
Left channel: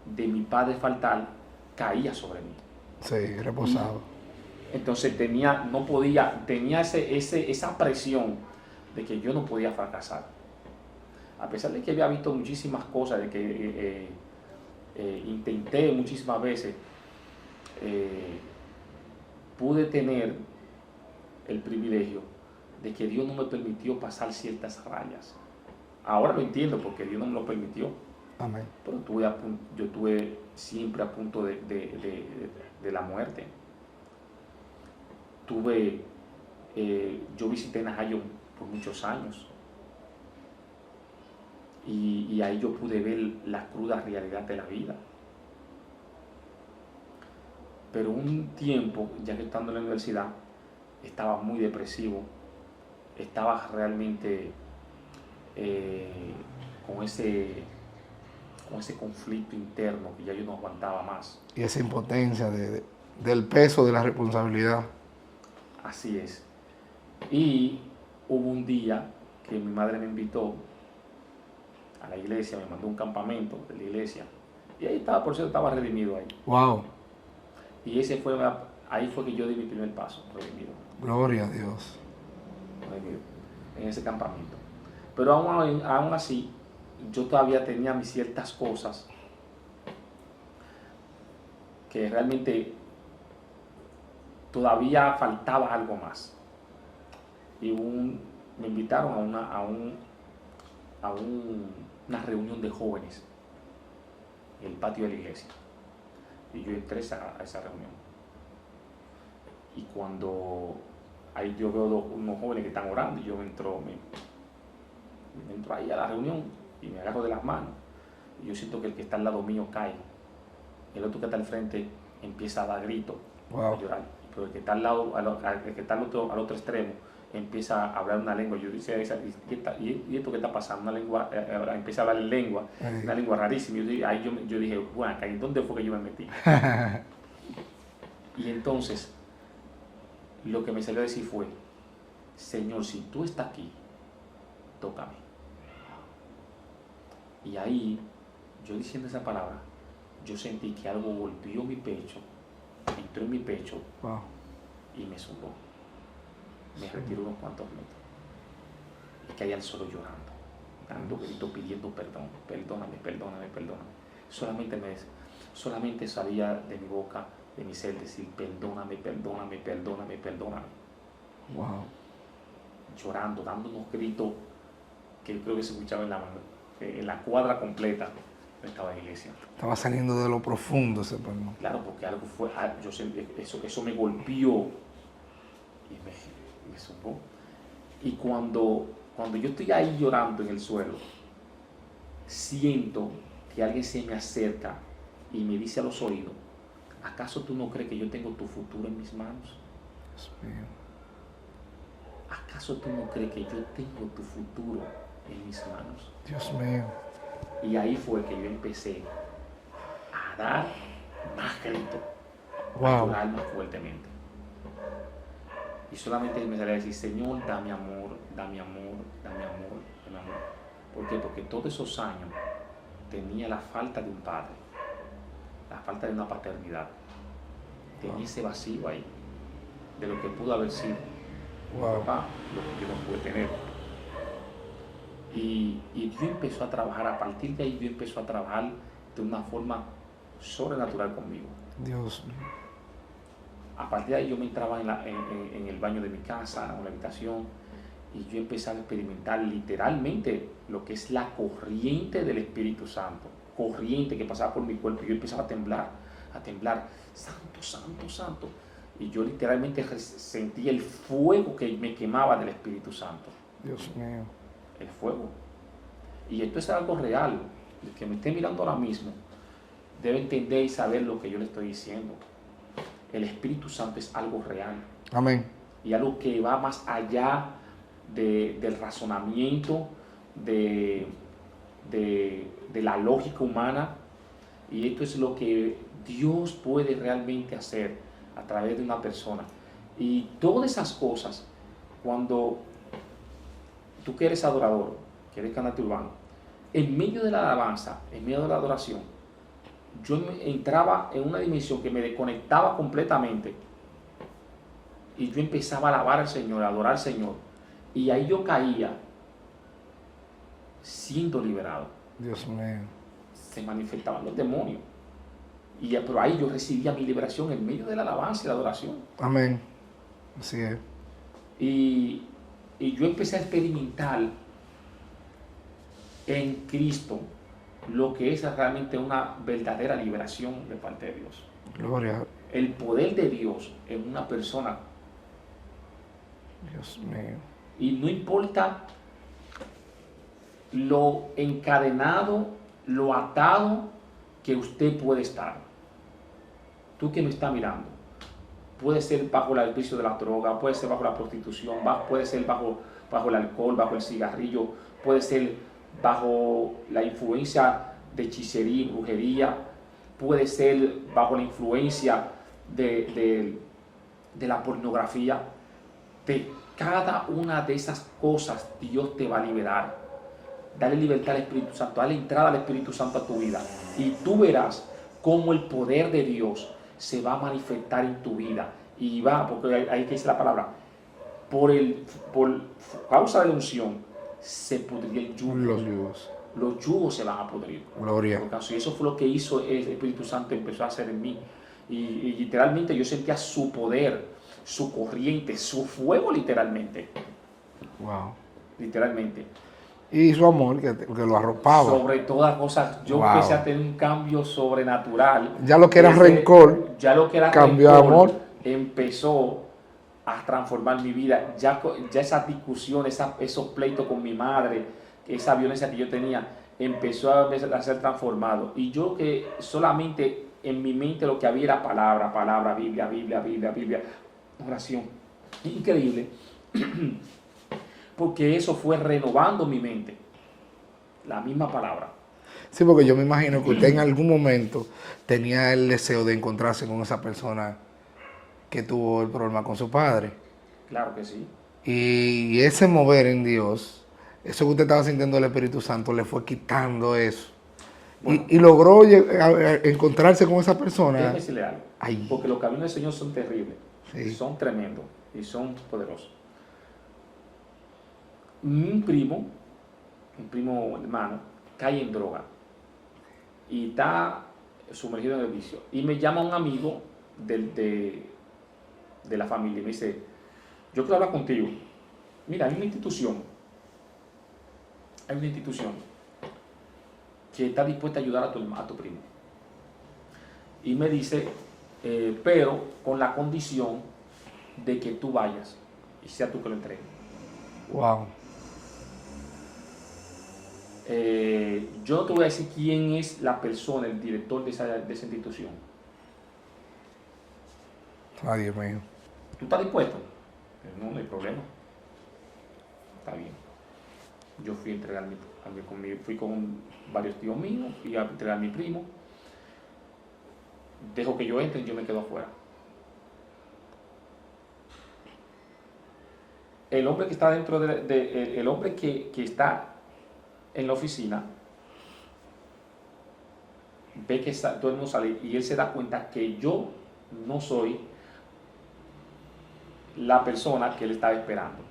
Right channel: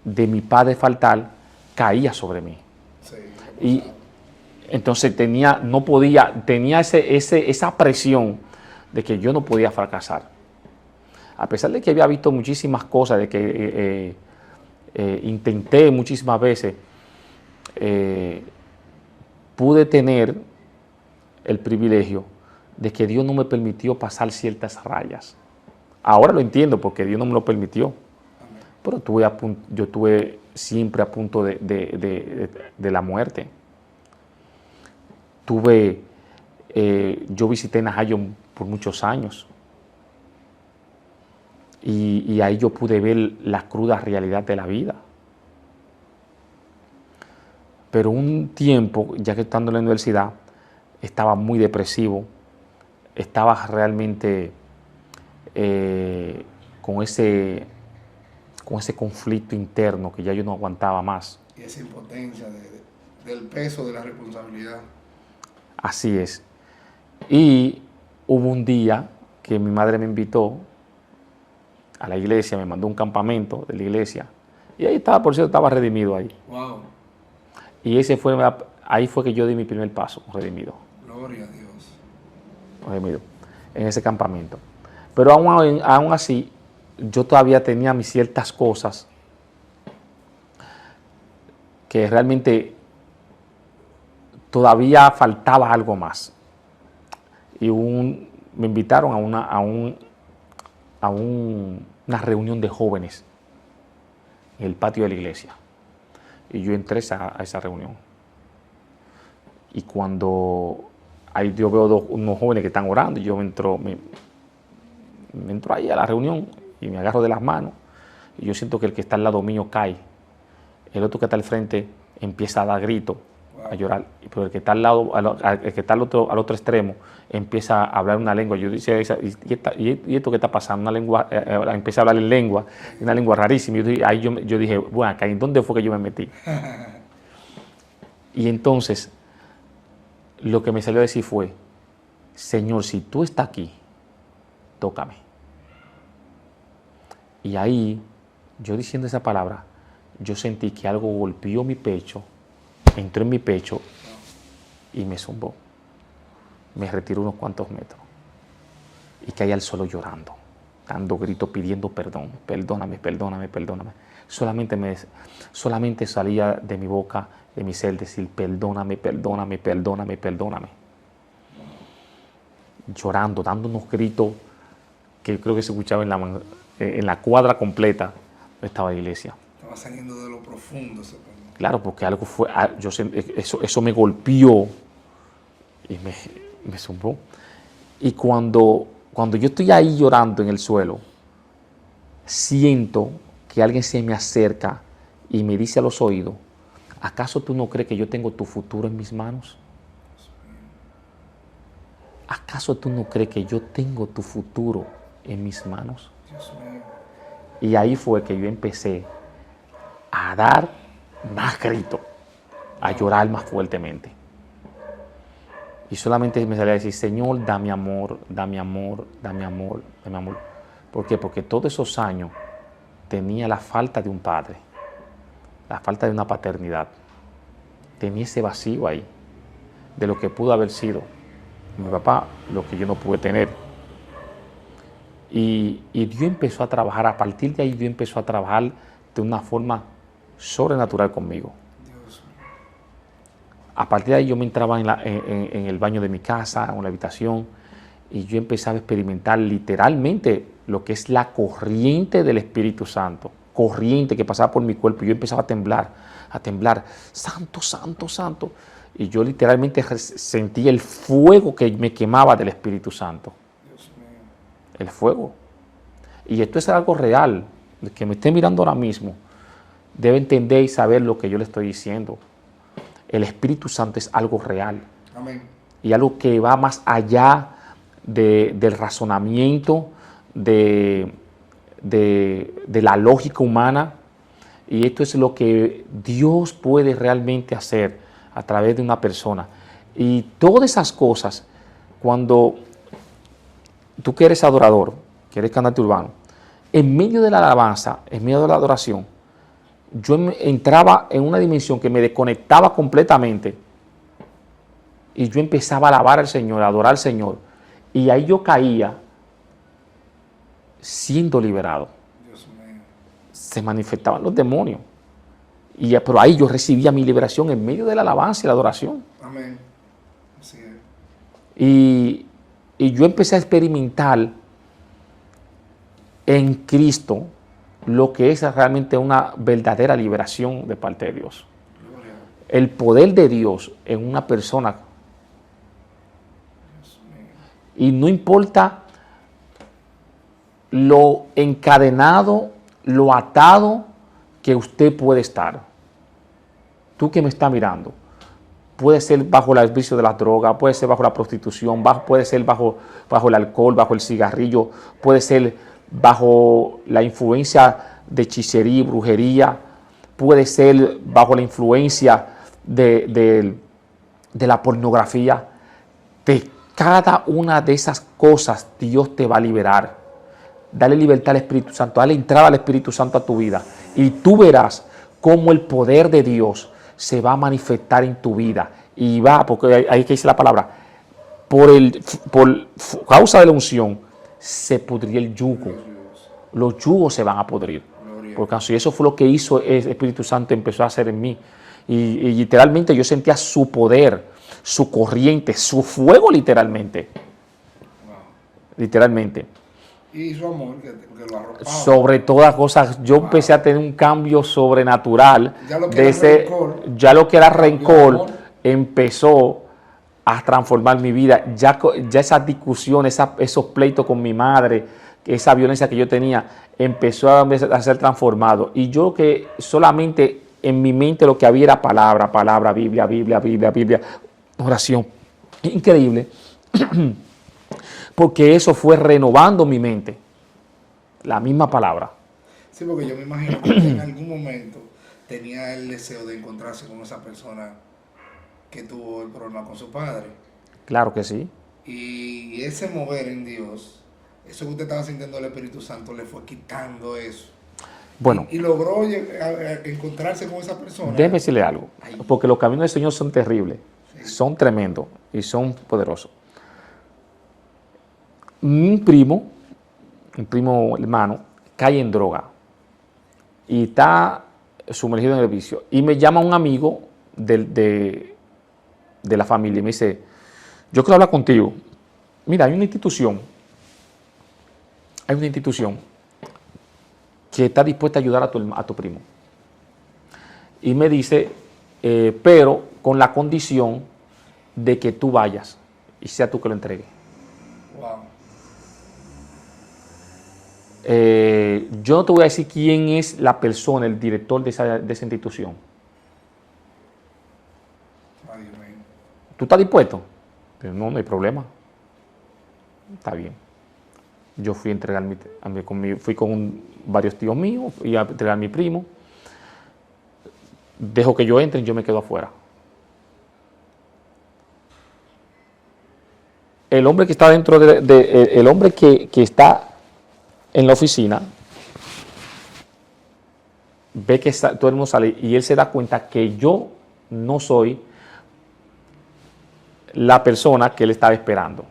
de mi padre faltar caía sobre mí. Sí, Y reposado. entonces tenía esa presión de que yo no podía fracasar. A pesar de que había visto muchísimas cosas, de que intenté muchísimas veces, pude tener el privilegio de que Dios no me permitió pasar ciertas rayas Ahora lo entiendo porque Dios no me lo permitió. Amén. Pero yo estuve siempre a punto de la muerte. Yo visité Najayo por muchos años. Y ahí yo pude ver la cruda realidad de la vida. Pero un tiempo, ya que estando en la universidad, estaba muy depresivo, estaba realmente con ese conflicto interno que ya yo no aguantaba más. Y esa impotencia del peso de la responsabilidad. Así es. Y hubo un día que mi madre me invitó a la iglesia, me mandó un campamento de la iglesia. Y ahí estaba, por cierto, estaba redimido ahí. Wow. Y ahí fue que yo di mi primer paso, redimido. Gloria a Dios. Redimido, en ese campamento. Pero aún así, yo todavía tenía mis ciertas cosas que realmente todavía faltaba algo más. Y me invitaron a una reunión de jóvenes en el patio de la iglesia. Y yo entré a esa reunión. Y cuando ahí yo veo unos jóvenes que están orando, y yo me entro ahí a la reunión y me agarro de las manos. Y yo siento que el que está al lado mío cae. El otro que está al frente empieza a dar gritos, a llorar. Pero el que está al lado, el que está al otro extremo, empieza a hablar una lengua. Yo decía, ¿y esto qué está pasando? Una lengua, empecé a hablar en lengua, una lengua rarísima. Ahí yo dije, bueno, ¿en dónde fue que yo me metí? Y entonces, lo que me salió a decir fue, Señor, si tú estás aquí, tócame. Y ahí, yo diciendo esa palabra, yo sentí que algo golpeó mi pecho, entró en mi pecho y me zumbó. Me retiró unos cuantos metros. Y caí al suelo llorando, dando gritos, pidiendo perdón. Perdóname, perdóname, perdóname. Solamente salía de mi boca, de mi ser, decir perdóname, perdóname, perdóname, perdóname. Wow. Llorando, dando unos gritos que yo creo que se escuchaba en la cuadra completa donde estaba la iglesia. Estaba saliendo de lo profundo ese perdón. Claro, porque algo fue, eso me golpeó y me zumbó. Y cuando yo estoy ahí llorando en el suelo, siento que alguien se me acerca y me dice a los oídos, ¿acaso tú no crees que yo tengo tu futuro en mis manos? ¿Acaso tú no crees que yo tengo tu futuro en mis manos? Dios mío. Y ahí fue que yo empecé a dar más gritos, a llorar más fuertemente. Y solamente me salía a decir, Señor, dame amor, dame amor, dame amor, dame amor. ¿Por qué? Porque todos esos años tenía la falta de un padre, la falta de una paternidad. Tenía ese vacío ahí, de lo que pudo haber sido mi papá, lo que yo no pude tener. Y Dios empezó a trabajar, a partir de ahí Dios empezó a trabajar de una forma sobrenatural conmigo. Dios mío. A partir de ahí yo me entraba en el baño de mi casa, en la habitación, y yo empezaba a experimentar literalmente lo que es la corriente del Espíritu Santo, corriente que pasaba por mi cuerpo. Yo empezaba a temblar, santo, santo, santo. Y yo literalmente sentía el fuego que me quemaba del Espíritu Santo. Dios mío. El fuego. Y esto es algo real. El que me esté mirando ahora mismo debe entender y saber lo que yo le estoy diciendo. El Espíritu Santo es algo real. Amén. Y algo que va más allá del razonamiento, de la lógica humana. Y esto es lo que Dios puede realmente hacer a través de una persona. Y todas esas cosas, cuando tú que eres adorador, que eres cantante urbano, en medio de la alabanza, en medio de la adoración, yo entraba en una dimensión que me desconectaba completamente y yo empezaba a alabar al Señor, a adorar al Señor, y ahí yo caía siendo liberado. Dios mío. Se manifestaban los demonios, pero ahí yo recibía mi liberación en medio de la alabanza y la adoración. Amén. Así es. Y yo empecé a experimentar en Cristo lo que es realmente una verdadera liberación de parte de Dios. Gloria. El poder de Dios en una persona. Dios mío. Y no importa lo encadenado, lo atado que usted puede estar. Tú que me estás mirando, puede ser bajo el vicio de las drogas, puede ser bajo la prostitución, puede ser bajo el alcohol, bajo el cigarrillo, puede ser bajo la influencia de hechicería y brujería, puede ser bajo la influencia de la pornografía. De cada una de esas cosas Dios te va a liberar. Dale libertad al Espíritu Santo, dale entrada al Espíritu Santo a tu vida y tú verás cómo el poder de Dios se va a manifestar en tu vida y va, porque ahí que dice la palabra, por causa de la unción se pudría el yugo. Los yugos se van a podrir. Gloria. Porque si eso fue lo que hizo el Espíritu Santo, empezó a hacer en mí. Y literalmente yo sentía su poder, su corriente, su fuego literalmente. Wow. Literalmente. Y su amor que lo arropaba. Sobre todas cosas, yo empecé a tener un cambio sobrenatural. Ya lo que era rencor. Ya lo que era rencor empezó a transformar mi vida. Ya esas discusiones, esos pleitos con mi madre, esa violencia que yo tenía, empezó a ser transformado. Y yo que solamente en mi mente lo que había era palabra, Biblia, oración. Increíble. Porque eso fue renovando mi mente. La misma palabra. Sí, porque yo me imagino que usted en algún momento tenía el deseo de encontrarse con esa persona que tuvo el problema con su padre. Claro que sí. Y ese mover en Dios, eso que usted estaba sintiendo del Espíritu Santo, le fue quitando eso. Bueno. Y logró encontrarse con esa persona. Déjeme decirle algo. Ay. Porque los caminos del Señor son terribles. Sí. Son tremendos y son poderosos. Un primo hermano, cae en droga y está sumergido en el vicio. Y me llama un amigo de la familia y me dice, yo quiero hablar contigo. Mira, hay una institución que está dispuesta a ayudar a tu primo. Y me dice, pero con la condición de que tú vayas y sea tú que lo entregues. Wow. Yo no te voy a decir quién es la persona, el director de esa institución. Ay, Dios mío. ¿Tú estás dispuesto? No hay problema. Está bien. Yo fui a entregar fui con varios tíos míos, fui a entregar a mi primo. Dejo que yo entre y yo me quedo afuera. El hombre que está dentro el hombre que está en la oficina, ve que todo el mundo sale y él se da cuenta que yo no soy la persona que él estaba esperando.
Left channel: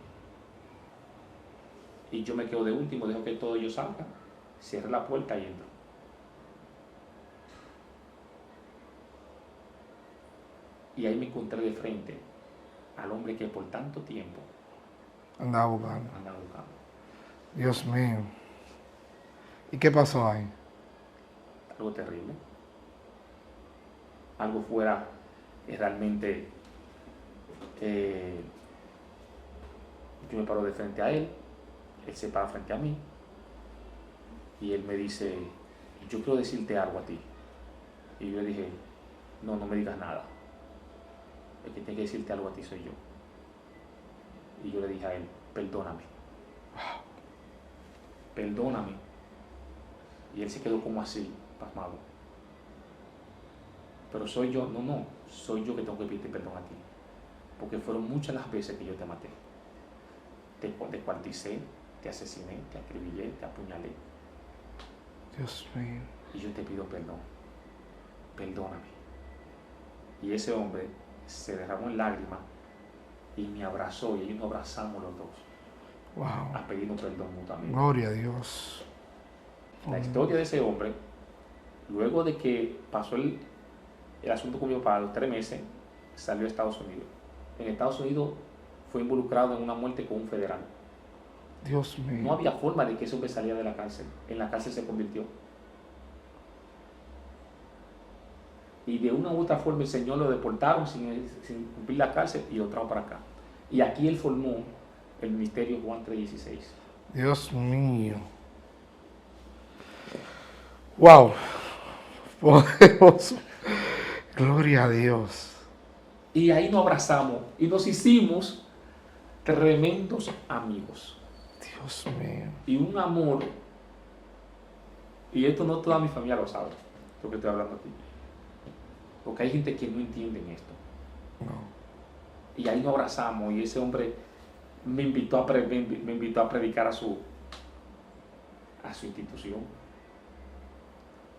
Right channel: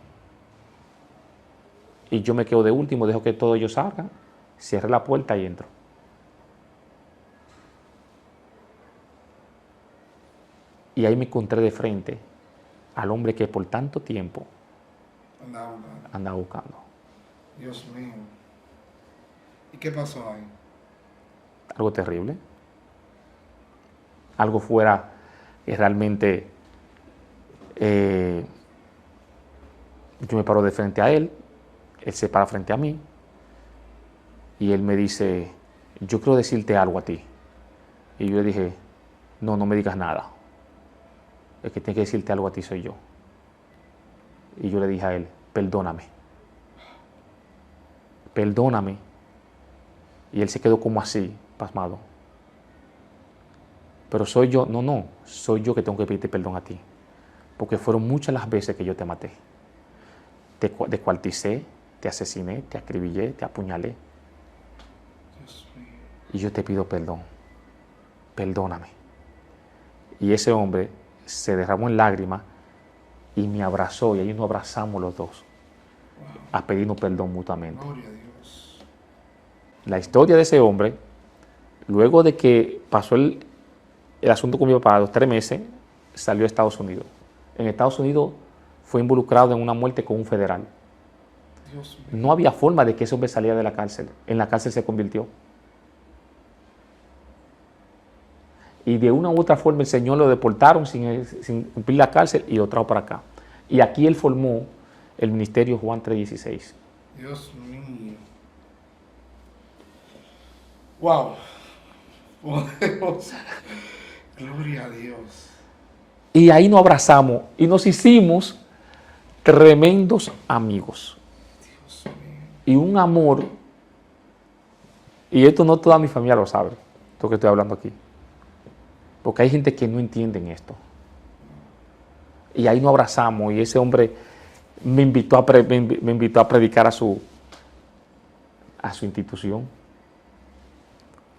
Y yo me quedo de último, dejo que todos ellos salgan, cierre la puerta y entro. Y ahí me encontré de frente al hombre que por tanto tiempo andaba buscando. Dios mío. ¿Y qué pasó ahí? Algo terrible. Algo fuera realmente... yo me paro de frente a él, él se para frente a mí y él me dice, yo quiero decirte algo a ti. Y yo le dije, no me digas nada. El que tiene que decirte algo a ti soy yo. Y yo le dije a él, perdóname. Perdóname. Y él se quedó como así, pasmado. Pero soy yo, soy yo que tengo que pedirte perdón a ti. Porque fueron muchas las veces que yo te maté. Te descuarticé, te asesiné, te acribillé, te apuñalé. Dios mío. Y yo te pido perdón. Perdóname. Y ese hombre se derramó en lágrimas y me abrazó y ahí nos abrazamos los dos. Wow. A pedirnos perdón mutuamente. Gloria a Dios. La historia de ese hombre, luego de que pasó el asunto con mi papá, a los 3 meses, salió a Estados Unidos. En Estados Unidos fue involucrado en una muerte con un federal. Dios mío. No había forma de que ese hombre saliera de la cárcel. En la cárcel se convirtió. Y de una u otra forma el Señor lo deportaron sin cumplir la cárcel y lo trajo para acá. Y aquí él formó el ministerio Juan 3:16. Dios mío. Wow. Poderoso. Gloria a Dios. Y ahí nos abrazamos y nos hicimos tremendos amigos. Dios mío. Y un amor, y esto no toda mi familia lo sabe, lo que estoy hablando aquí. Porque hay gente que no entiende esto. No. Y ahí nos abrazamos y ese hombre me invitó a predicar a su institución.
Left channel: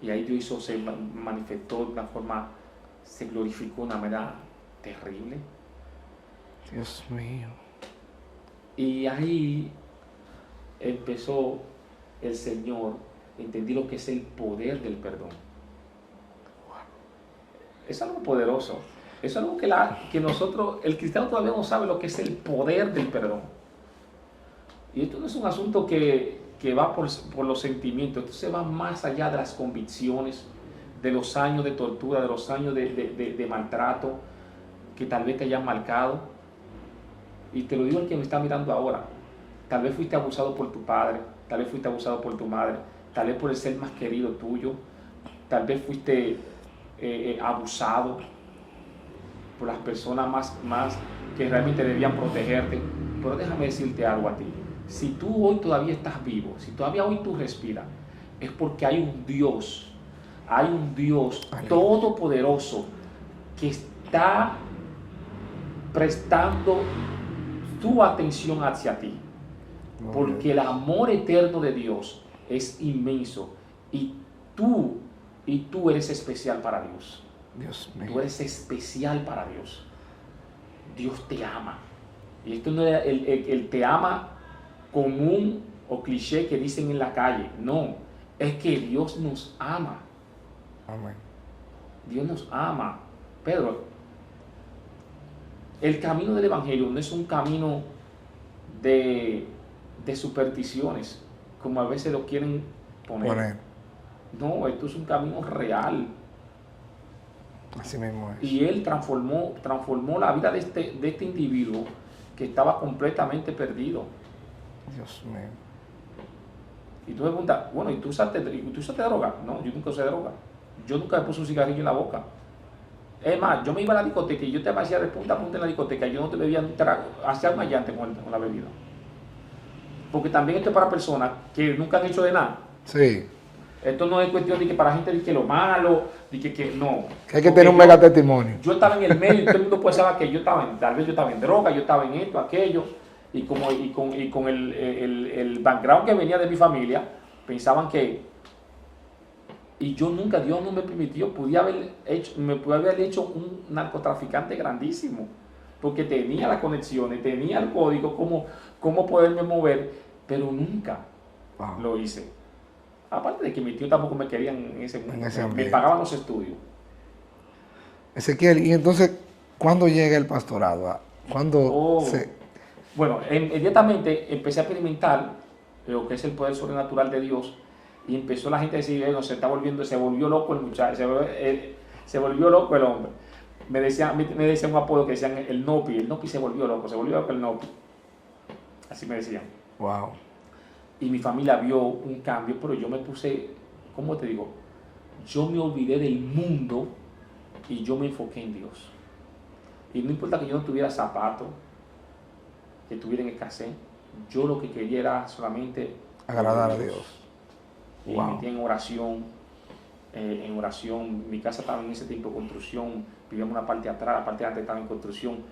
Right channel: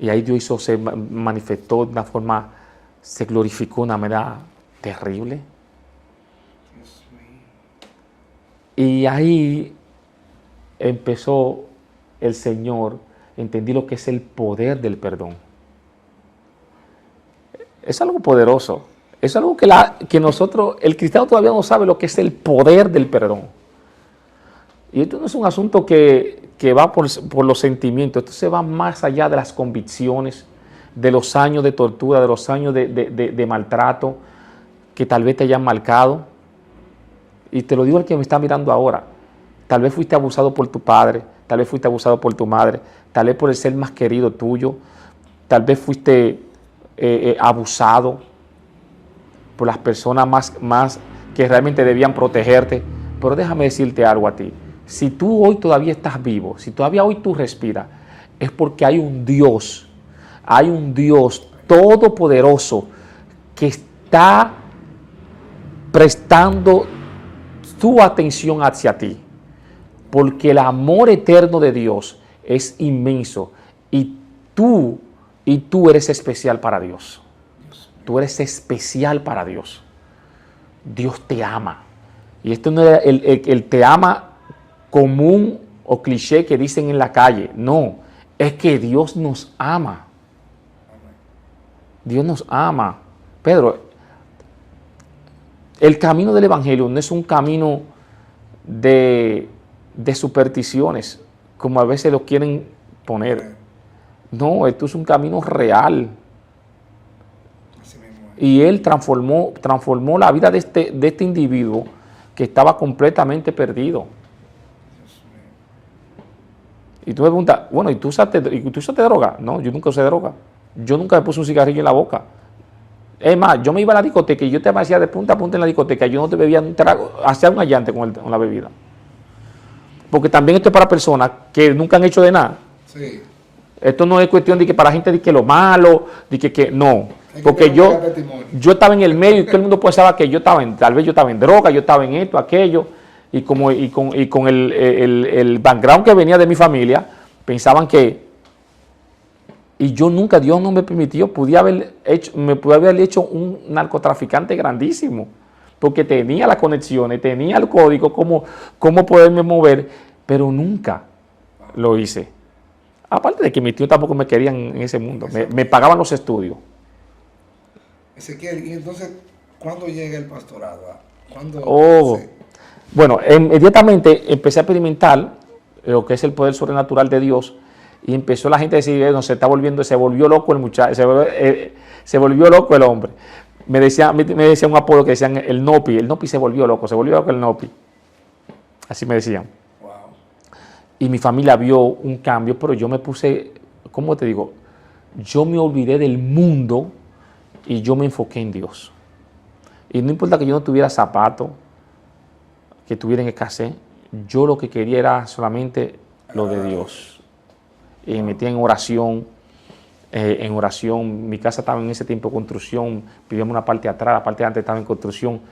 Y ahí Dios se manifestó de una forma, se glorificó de una manera terrible. Dios mío. Y ahí empezó el Señor, entendí lo que es el poder del perdón. Es algo poderoso. Es algo que nosotros, el cristiano todavía no sabe lo que es el poder del perdón. Y esto no es un asunto que va por los sentimientos, esto se va más allá de las convicciones, de los años de tortura, de los años de maltrato que tal vez te hayan marcado. Y te lo digo al que me está mirando ahora. Tal vez fuiste abusado por tu padre, tal vez fuiste abusado por tu madre, tal vez por el ser más querido tuyo, tal vez fuiste abusado por las personas más que realmente debían protegerte. Pero déjame decirte algo a ti. Si tú hoy todavía estás vivo, si todavía hoy tú respiras, es porque hay un Dios todopoderoso que está prestando su atención hacia ti. Porque el amor eterno de Dios es inmenso y tú eres especial para Dios. Tú eres especial para Dios. Dios te ama. Y esto no es el te ama común o cliché que dicen en la calle. No, es que Dios nos ama. Amén. Dios nos ama. Pedro, el camino del Evangelio no es un camino de supersticiones, como a veces lo quieren poner. Amén. No, esto es un camino real. Así mismo es. Y Él transformó la vida de este individuo que estaba completamente perdido. Dios mío. Y tú me preguntas, bueno, ¿y tú usaste droga? No, yo nunca usé droga. Yo nunca me puse un cigarrillo en la boca. Es más, yo me iba a la discoteca y yo te hacía de punta a punta en la discoteca. Yo no te bebía un trago, hacía un allante con la bebida. Porque también esto es para personas que nunca han hecho de nada. Sí. Esto no es cuestión de que para gente de que lo malo, de que no. Hay que tener un testimonio. Yo estaba en el medio y todo el mundo pensaba que tal vez yo estaba en droga, yo estaba en esto, aquello. Y con el background que venía de mi familia, pensaban que... Y yo nunca, Dios no me permitió, me pude haber hecho un narcotraficante grandísimo. Porque tenía las conexiones, tenía el código, cómo poderme mover, pero nunca lo hice. Aparte de que mis tíos tampoco me querían en ese mundo, me pagaban los estudios. Ezequiel, y entonces, ¿cuándo llega el pastorado? Bueno, inmediatamente empecé a experimentar lo que es el poder sobrenatural de Dios y empezó la gente a decir, no, se volvió loco el muchacho, se volvió loco el hombre. Me decía un apodo que decían el Nopi se volvió loco el Nopi. Así me decían. Wow. Y mi familia vio un cambio, pero yo me puse, ¿cómo te digo? Yo me olvidé del mundo y yo me enfoqué en Dios. Y no importa que yo no tuviera zapatos, que tuviera en escasez, yo lo que quería era solamente lo de Dios. Y me metí en oración. Mi casa estaba en ese tiempo en construcción, vivíamos una parte de atrás, la parte de antes estaba en construcción.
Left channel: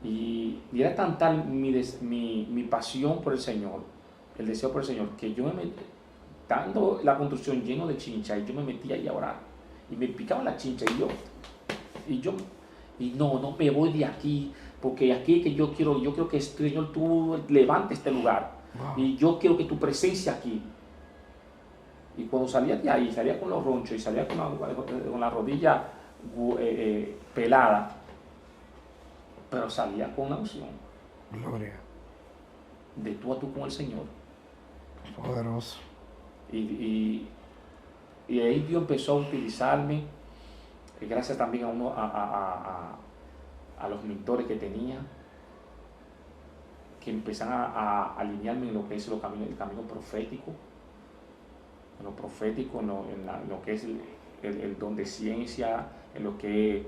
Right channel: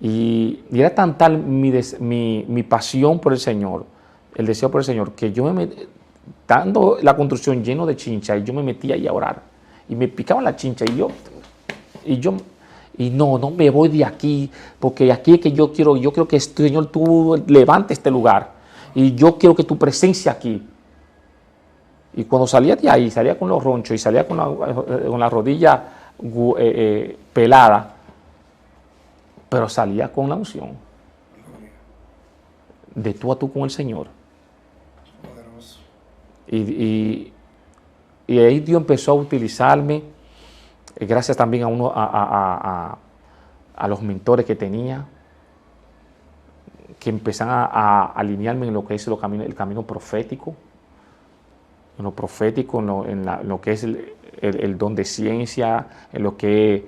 Y era tan tal mi pasión por el Señor, el deseo por el Señor, que yo dando la construcción lleno de chincha, y yo me metía ahí a orar. Y me picaban la chincha, y no me voy de aquí, porque aquí es que yo quiero que, Señor, tú levantes este lugar. Y yo quiero que tu presencia aquí. Y cuando salía de ahí, salía con los ronchos y salía con la rodilla pelada, pero salía con la unción. Gloria. de tú a tú con el Señor. Poderoso. Y ahí Dios empezó a utilizarme, gracias también a los mentores que tenía, que empezaron a alinearme en lo que es el camino profético, en lo profético, en lo que es el don de ciencia, en lo que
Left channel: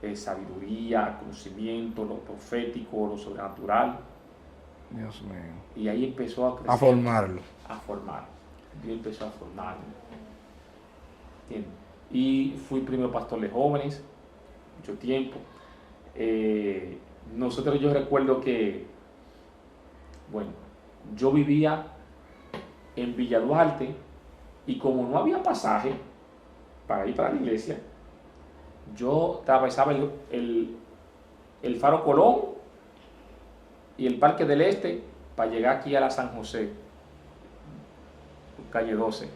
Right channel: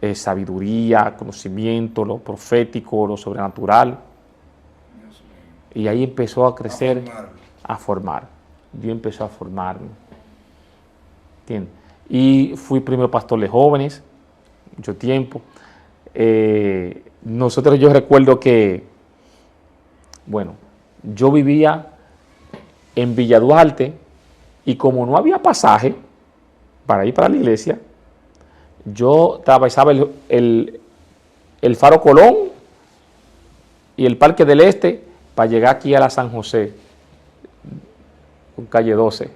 es sabiduría, conocimiento, lo profético, lo sobrenatural. Dios mío. Y ahí empezó a crecer, A formar. Dios empezó a formarme. ¿Entiendes? Y fui primero pastor de jóvenes, mucho tiempo. Yo recuerdo que, bueno, yo vivía en Villa Duarte y como no había pasaje para ir para la iglesia, yo atravesaba el Faro Colón y el Parque del Este para llegar aquí a la San José, con calle 12.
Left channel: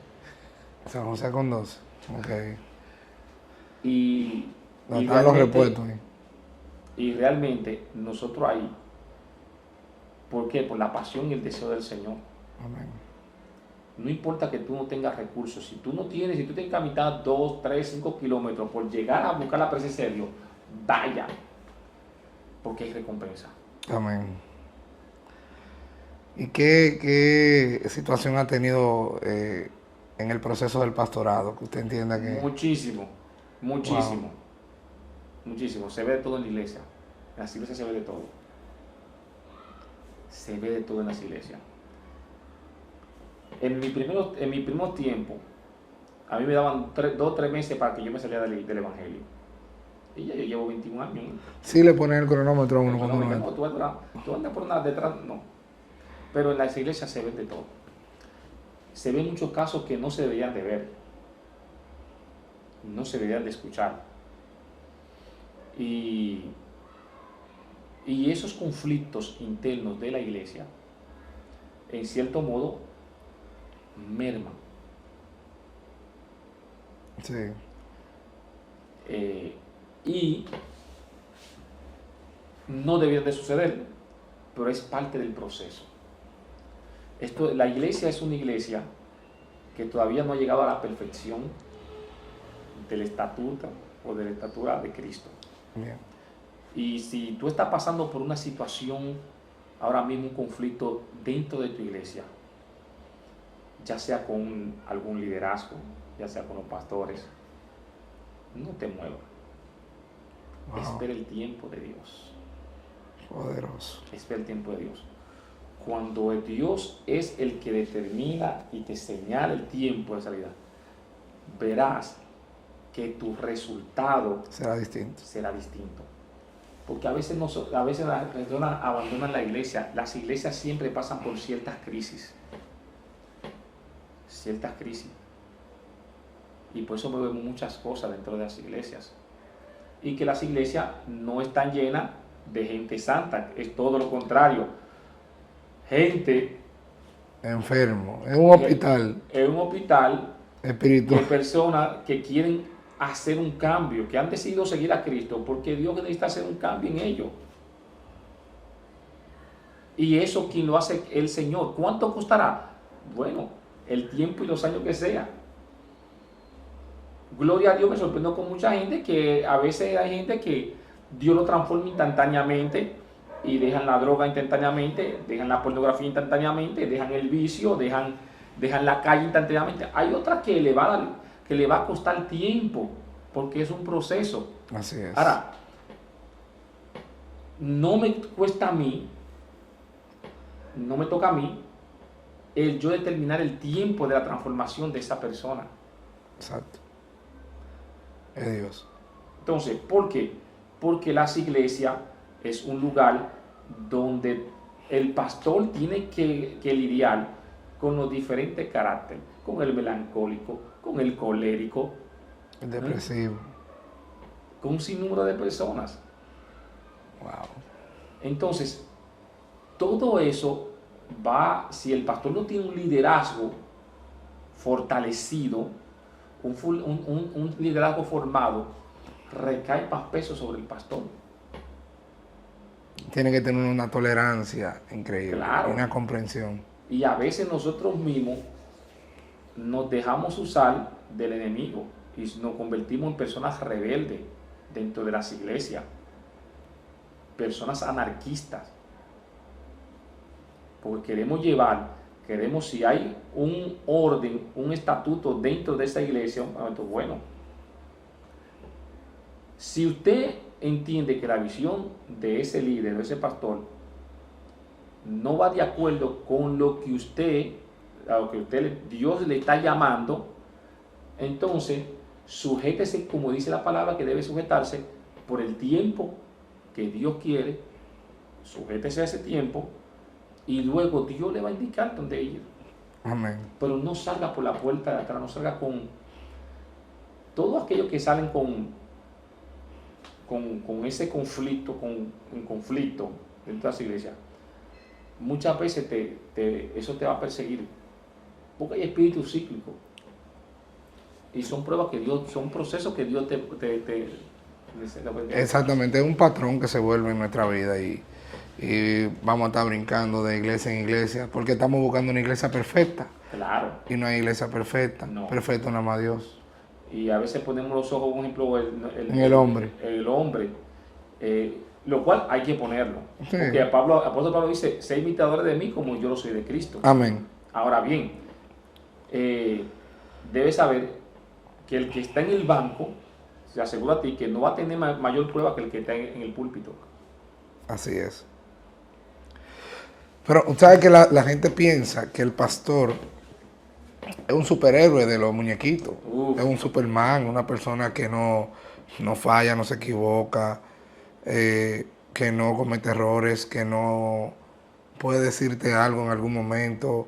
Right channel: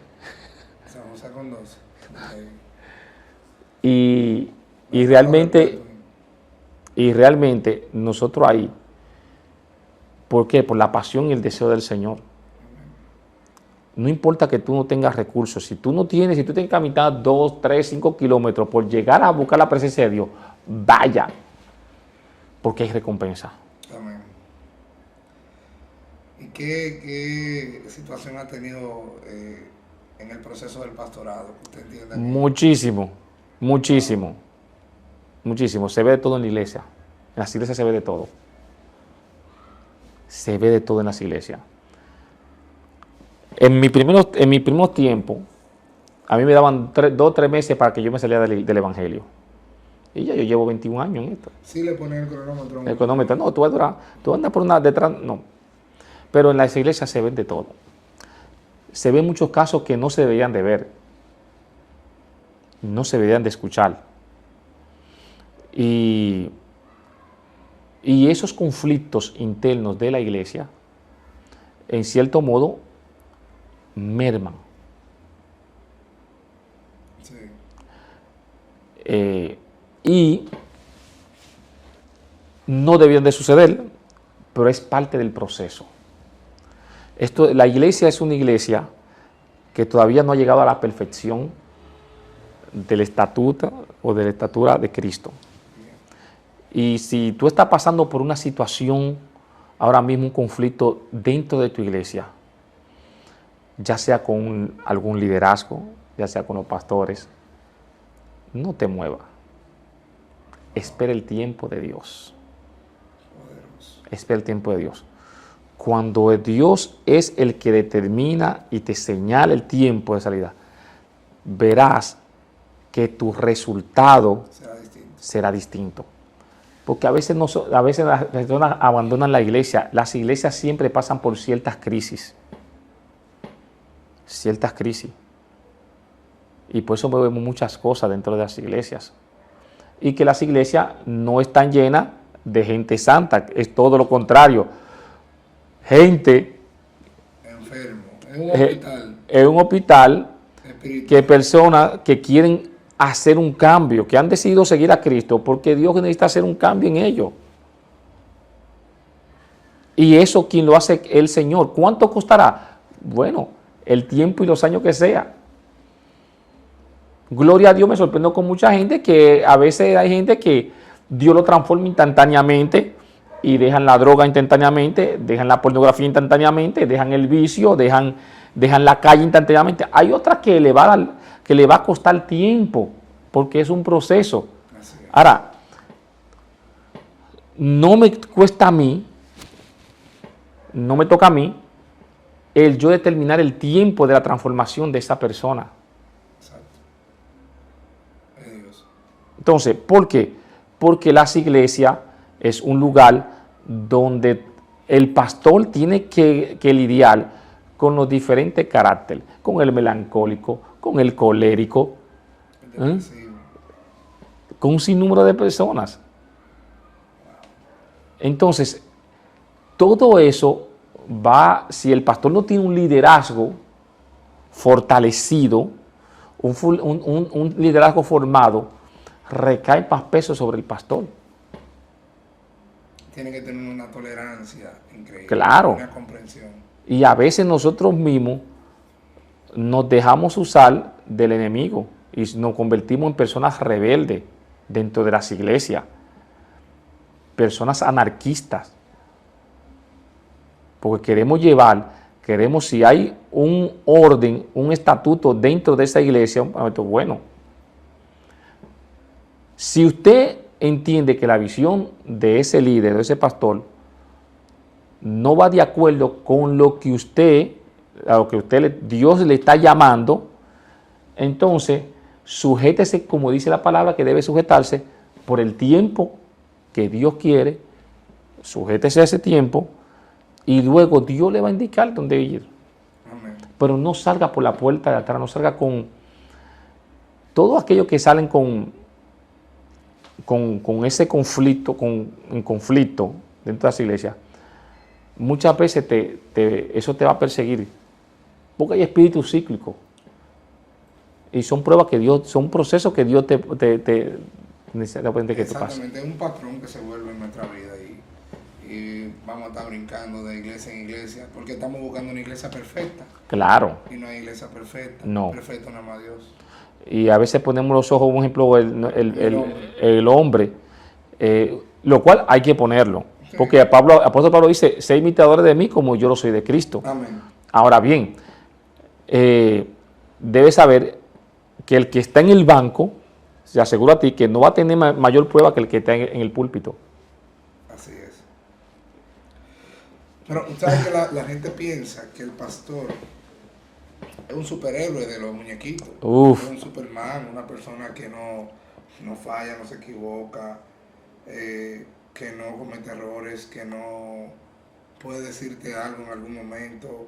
San José con 12. Okay. Y realmente nosotros ahí, ¿por qué? Por la pasión y el deseo del Señor. Amén. No importa que tú no tengas recursos, si tú tienes que caminar 2, 3, 5 kilómetros por llegar a buscar la presencia de Dios, vaya, porque hay recompensa. Amén. ¿Y qué situación ha tenido en el proceso del pastorado? Que usted entienda que... Muchísimo. Wow. Muchísimo. Se ve de todo en la iglesia. En las iglesias se ve de todo. Se ve de todo en las iglesias. En mi primer tiempo, a mí me daban 2 o 3 meses para que yo me saliera del evangelio. Y ya yo llevo 21 años en esto. Sí le ponen el cronómetro. El cronómetro, no, tú andas por una detrás, no. Pero en las iglesias se ven de todo. Se ven muchos casos que no se deberían de ver. No se deberían de escuchar. Y esos conflictos internos de la iglesia, en cierto modo, merman. Sí. Y no debían de suceder, pero es parte del proceso. La iglesia es una iglesia que todavía no ha llegado a la perfección del estatuto o de la estatura de Cristo. Bien. Y si tú estás pasando por una situación, ahora mismo un conflicto dentro de tu iglesia, ya sea con algún liderazgo, ya sea con los pastores, no te muevas. Wow. Espera el tiempo de Dios. Poderoso. Espera el tiempo de Dios. Cuando Dios es el que determina y te señala el tiempo de salida, verás que tu resultado será distinto. Porque a veces las personas abandonan la iglesia. Las iglesias siempre pasan por ciertas crisis. Y por eso vemos muchas cosas dentro de las iglesias. Y que las iglesias no están llenas de gente santa, es todo lo contrario. Gente enfermo, en un hospital. En un hospital, espiritual. Que personas que quieren hacer un cambio, que han decidido seguir a Cristo, porque Dios necesita hacer un cambio en ellos. Y eso, quien lo hace, el Señor. ¿Cuánto costará? Bueno, el tiempo y los años que sea. Gloria a Dios, me sorprendo con mucha gente que a veces hay gente que Dios lo transforma instantáneamente y dejan la droga instantáneamente, dejan la pornografía instantáneamente, dejan el vicio, dejan la calle instantáneamente. Hay otras que le va a costar tiempo, porque es un proceso. Así es. Ahora, no me cuesta a mí, no me toca a mí, el yo determinar el tiempo de la transformación de esa persona. Exacto. Es Dios. Entonces, ¿por qué? Porque las iglesias es un lugar donde el pastor tiene que lidiar con los diferentes caracteres, con el melancólico, con el colérico, el depresivo, con un sinnúmero de personas. Wow. Entonces, todo eso si el pastor no tiene un liderazgo fortalecido, un liderazgo formado, recae más peso sobre el pastor. tiene que tener una tolerancia increíble, Claro. una comprensión. Y a veces nosotros mismos nos dejamos usar del enemigo y nos convertimos en personas rebeldes dentro de las iglesias, personas anarquistas, porque queremos si hay un orden, un estatuto dentro de esa iglesia, bueno, si usted entiende que la visión de ese líder, de ese pastor, no va de acuerdo con lo que Dios le está llamando, entonces sujétese, como dice la palabra, que debe sujetarse por el tiempo que Dios quiere, sujétese a ese tiempo y luego Dios le va a indicar dónde ir. Amén. Pero no salga por la puerta de atrás, no salga con todos aquellos que salen con ese conflicto, en conflicto dentro de las iglesias. Muchas veces eso te va a perseguir, porque hay espíritus cíclicos y son pruebas que Dios, son procesos que Dios te Exactamente, es un patrón que se vuelve en nuestra vida y vamos a estar brincando de iglesia en iglesia porque estamos buscando una iglesia perfecta. Claro. Y no hay iglesia perfecta. No. Perfecto nada más Dios. Y a veces ponemos los ojos, por ejemplo, el hombre. El hombre, lo cual hay que ponerlo. Sí. Porque el apóstol Pablo dice, sé imitadores de mí como yo lo soy de Cristo. Amén. Ahora bien, debes saber que el que está en el banco, se asegura a ti que no va a tener mayor prueba que el que está en el púlpito. Así es. Pero ¿sabes que la gente piensa que el pastor es un superhéroe de los muñequitos? Uf. Es un Superman, una persona que no falla, no se equivoca, que no comete errores, que no puede decirte algo en algún momento,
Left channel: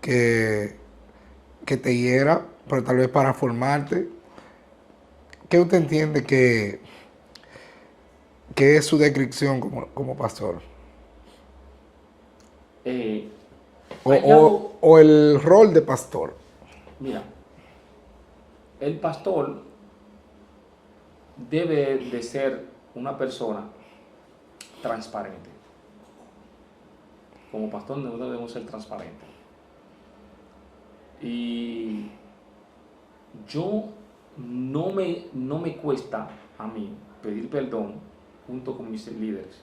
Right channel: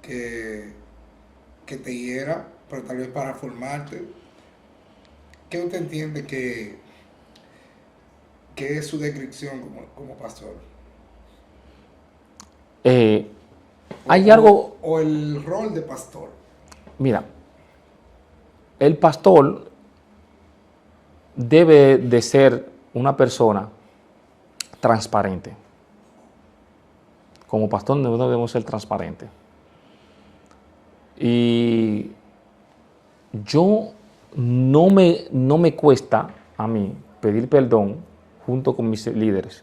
que te hiera, pero tal vez para formarte. ¿Qué usted entiende que es es como pastor? Hay algo... O el rol de pastor. Mira, el pastor debe de ser una persona transparente. Como pastor nosotros debemos ser transparentes. Y yo no me cuesta a mí pedir perdón junto con mis líderes.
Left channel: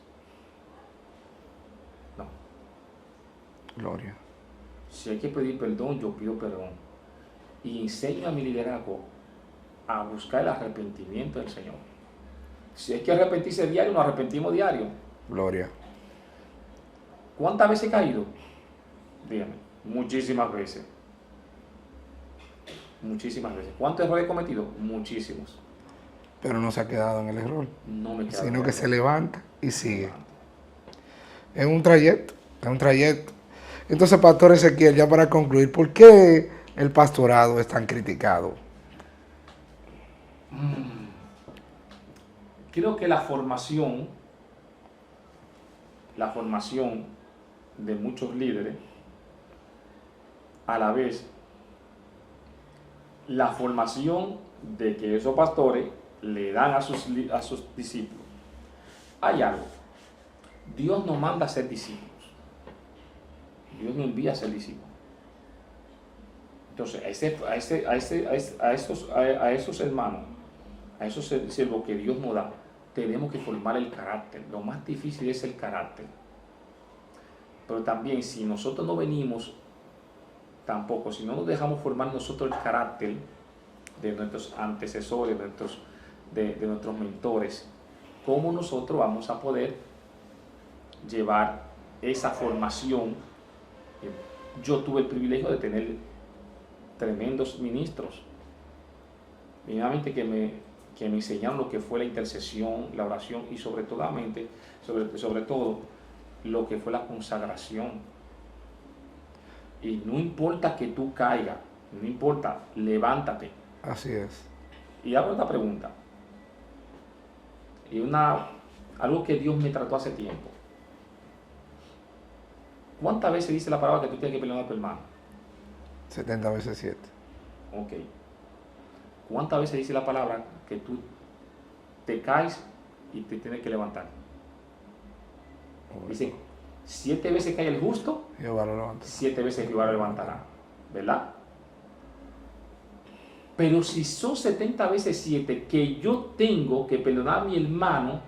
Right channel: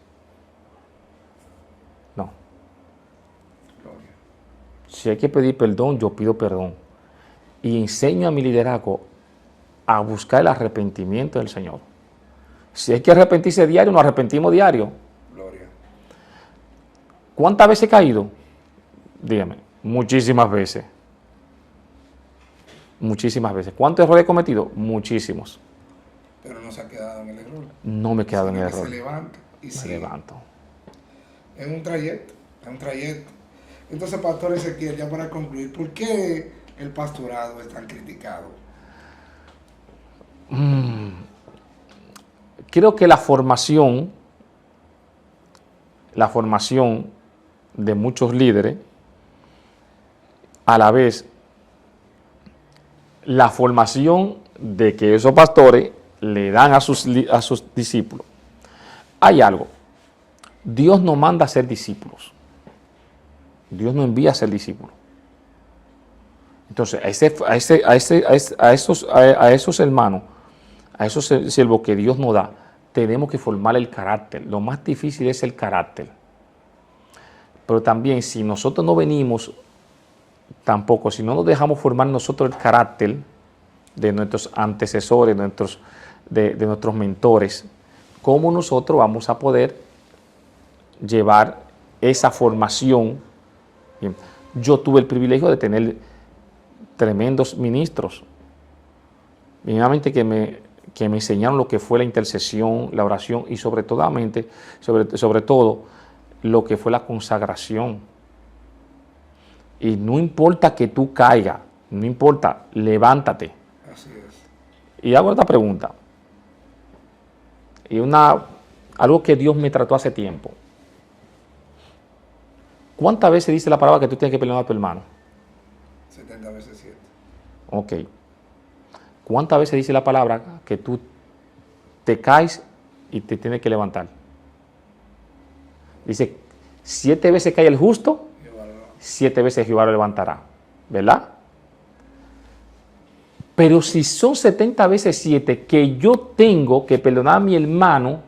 No. Gloria. Si hay que pedir perdón, yo pido perdón. Y enseño a mi liderazgo a buscar el arrepentimiento del Señor. Si hay que arrepentirse diario, nos arrepentimos diario. Gloria. ¿Cuántas veces he caído? Dígame, muchísimas veces. Muchísimas veces. ¿Cuántos errores he cometido? Muchísimos. Pero no se ha quedado en el error. No me he quedado en el error. Sino que se levanta y sigue. Levanto. Es un trayecto, es un trayecto. Entonces, Pastor Ezequiel, ya para concluir, ¿por qué el pastorado es tan criticado? Creo que la formación de muchos líderes, a la vez, la formación de que esos pastores le dan a sus discípulos. Hay algo. Dios no manda a ser discípulos. Dios no envía a ser discípulos. Entonces, a esos hermanos, a esos siervos que Dios nos da, tenemos que formar el carácter. Lo más difícil es el carácter. Pero también, si nosotros no venimos, tampoco, si no nos dejamos formar nosotros el carácter de nuestros antecesores, de nuestros mentores, ¿cómo nosotros vamos a poder llevar esa formación? Bien, yo tuve el privilegio de tener tremendos ministros, mínimamente que me enseñaron lo que fue la intercesión, la oración y sobre todo lo que fue la consagración. Y no importa que tú caigas, no importa, levántate. Así es. Y hago esta pregunta. Y algo que Dios me trató hace tiempo. ¿Cuántas veces dice la palabra que tú tienes que perdonar a tu hermano? 70 veces 7. Ok. ¿Cuántas veces dice la palabra que tú te caes y te tienes que levantar? Dice, 7 veces cae el justo, Jehová lo levanta. 7 veces Jehová lo levantará, ¿verdad? Pero si son 70 veces 7 que yo tengo que perdonar a mi hermano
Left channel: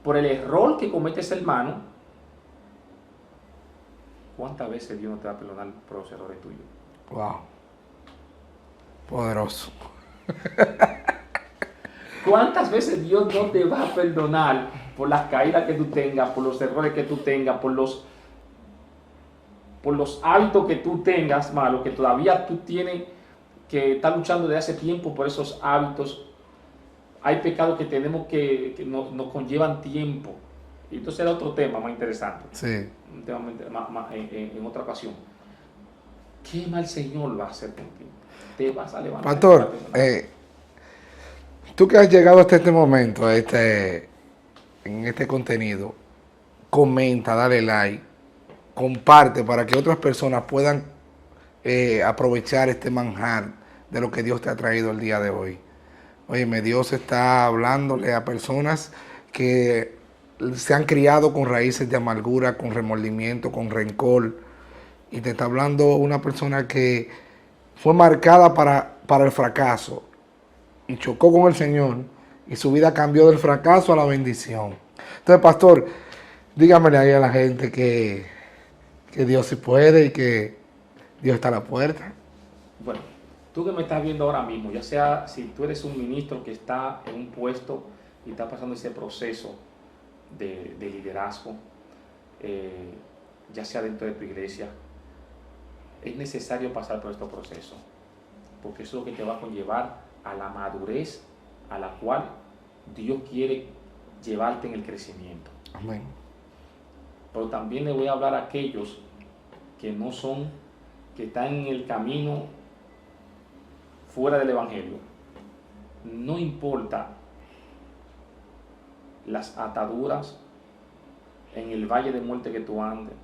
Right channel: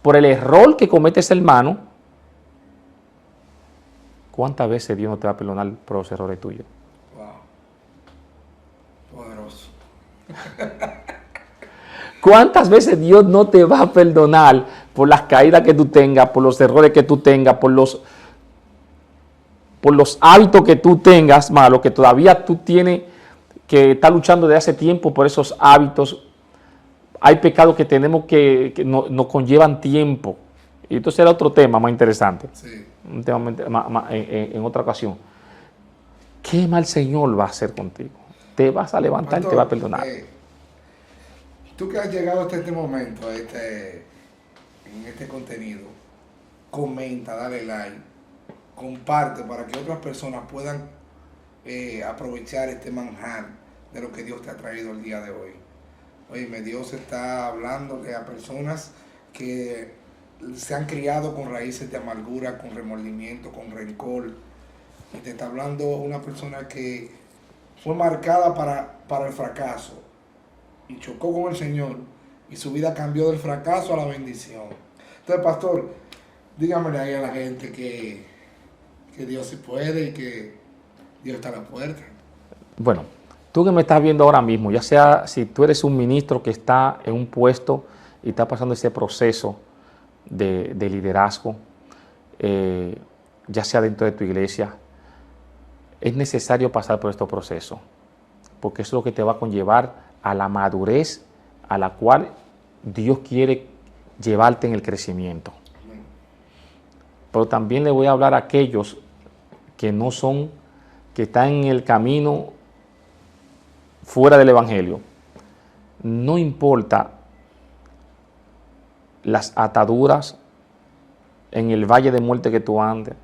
por el error que comete ese hermano, ¿cuántas veces Dios no te va a perdonar por los errores tuyos? Wow. Poderoso. ¿Cuántas veces Dios no te va a perdonar por las caídas que tú tengas, por los errores que tú tengas, por los hábitos que tú tengas malos, que todavía tú tienes que estar luchando desde hace tiempo por esos hábitos? Hay pecados que tenemos que nos conllevan tiempo. Y esto será otro tema más interesante. Sí. Un tema en otra ocasión. ¿Qué mal Señor va a hacer contigo? Te vas a levantar Pastor, y te va a perdonar. Tú que has llegado hasta este momento, en este contenido, comenta, dale like, comparte para que otras personas puedan aprovechar este manjar de lo que Dios te ha traído el día de hoy. Óyeme, Dios está hablándole a personas que se han criado con raíces de amargura, con remordimiento, con rencor. Y te está hablando una persona que fue marcada para el fracaso y chocó con el Señor y su vida cambió del fracaso a la bendición. Entonces, pastor, dígamele ahí a la gente que Dios sí puede y que Dios está a la puerta. Bueno, tú que me estás viendo ahora mismo, ya sea si tú eres un ministro que está en un puesto y está pasando ese proceso de liderazgo, ya sea dentro de tu iglesia, es necesario pasar por estos procesos, porque eso es lo que te va a conllevar a la madurez a la cual Dios quiere llevarte en el crecimiento. Amén. Pero también le voy a hablar a aquellos que no son, que están en el camino fuera del Evangelio. No importa las ataduras en el valle de muerte que tú andes,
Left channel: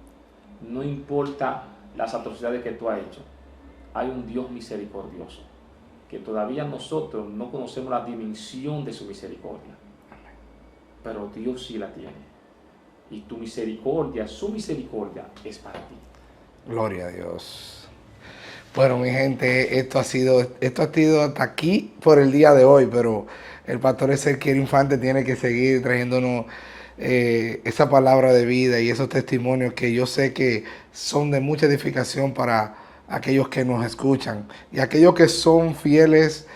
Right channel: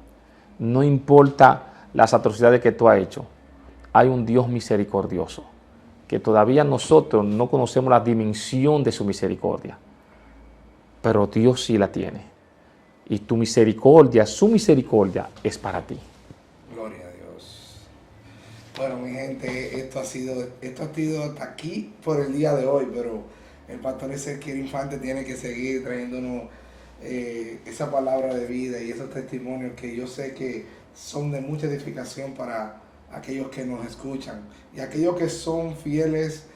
no importa las atrocidades que tú has hecho, hay un Dios misericordioso, que todavía nosotros no conocemos la dimensión de su misericordia, pero Dios sí la tiene. Y tu misericordia, su misericordia es para ti. Gloria a Dios. Bueno, mi gente, esto ha sido hasta aquí por el día de hoy, pero el pastor Ezequiel Infante tiene que seguir trayéndonos esa palabra de vida y esos testimonios que yo sé que son de mucha edificación para aquellos que nos escuchan y aquellos que son fieles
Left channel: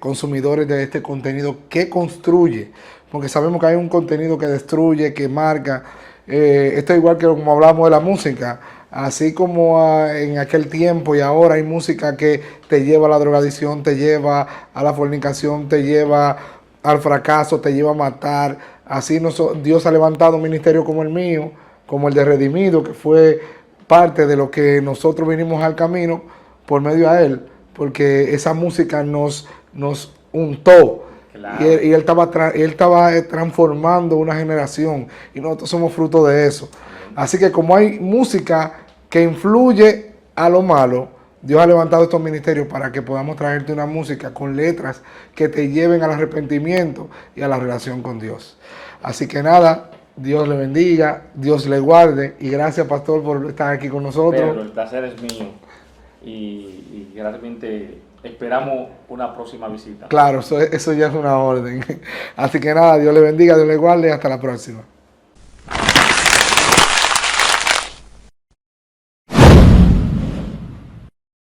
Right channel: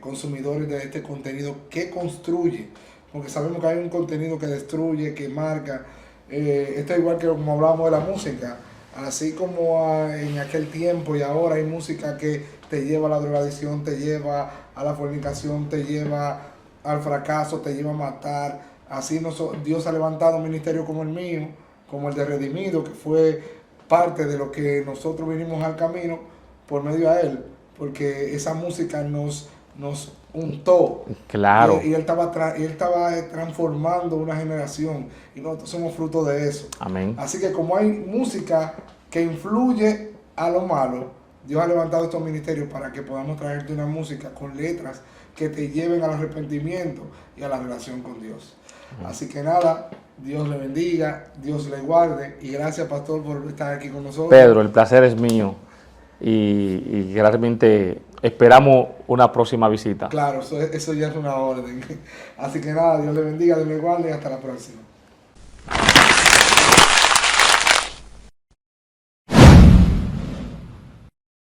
consumidores de este contenido que construye, porque sabemos que hay un contenido que destruye, que marca. Esto es igual que como hablamos de la música, así como en aquel tiempo y ahora hay música que te lleva a la drogadicción, te lleva a la fornicación, te lleva al fracaso, te lleva a matar. Así Dios ha levantado un ministerio como el mío, como el de Redimido, que fue parte de lo que nosotros vinimos al camino por medio a Él, porque esa música nos untó. Claro. Y él estaba transformando una generación y nosotros somos fruto de eso. Amén. Así que como hay música que influye a lo malo, Dios ha levantado estos ministerios para que podamos traerte una música con letras que te lleven al arrepentimiento y a la relación con Dios. Así que nada, Dios le bendiga, Dios le guarde y gracias, pastor, por estar aquí con nosotros. Pedro, el placer es mío y realmente esperamos una próxima visita. Claro, eso ya es una orden. Así que nada, Dios le bendiga, Dios le guarde y hasta la próxima.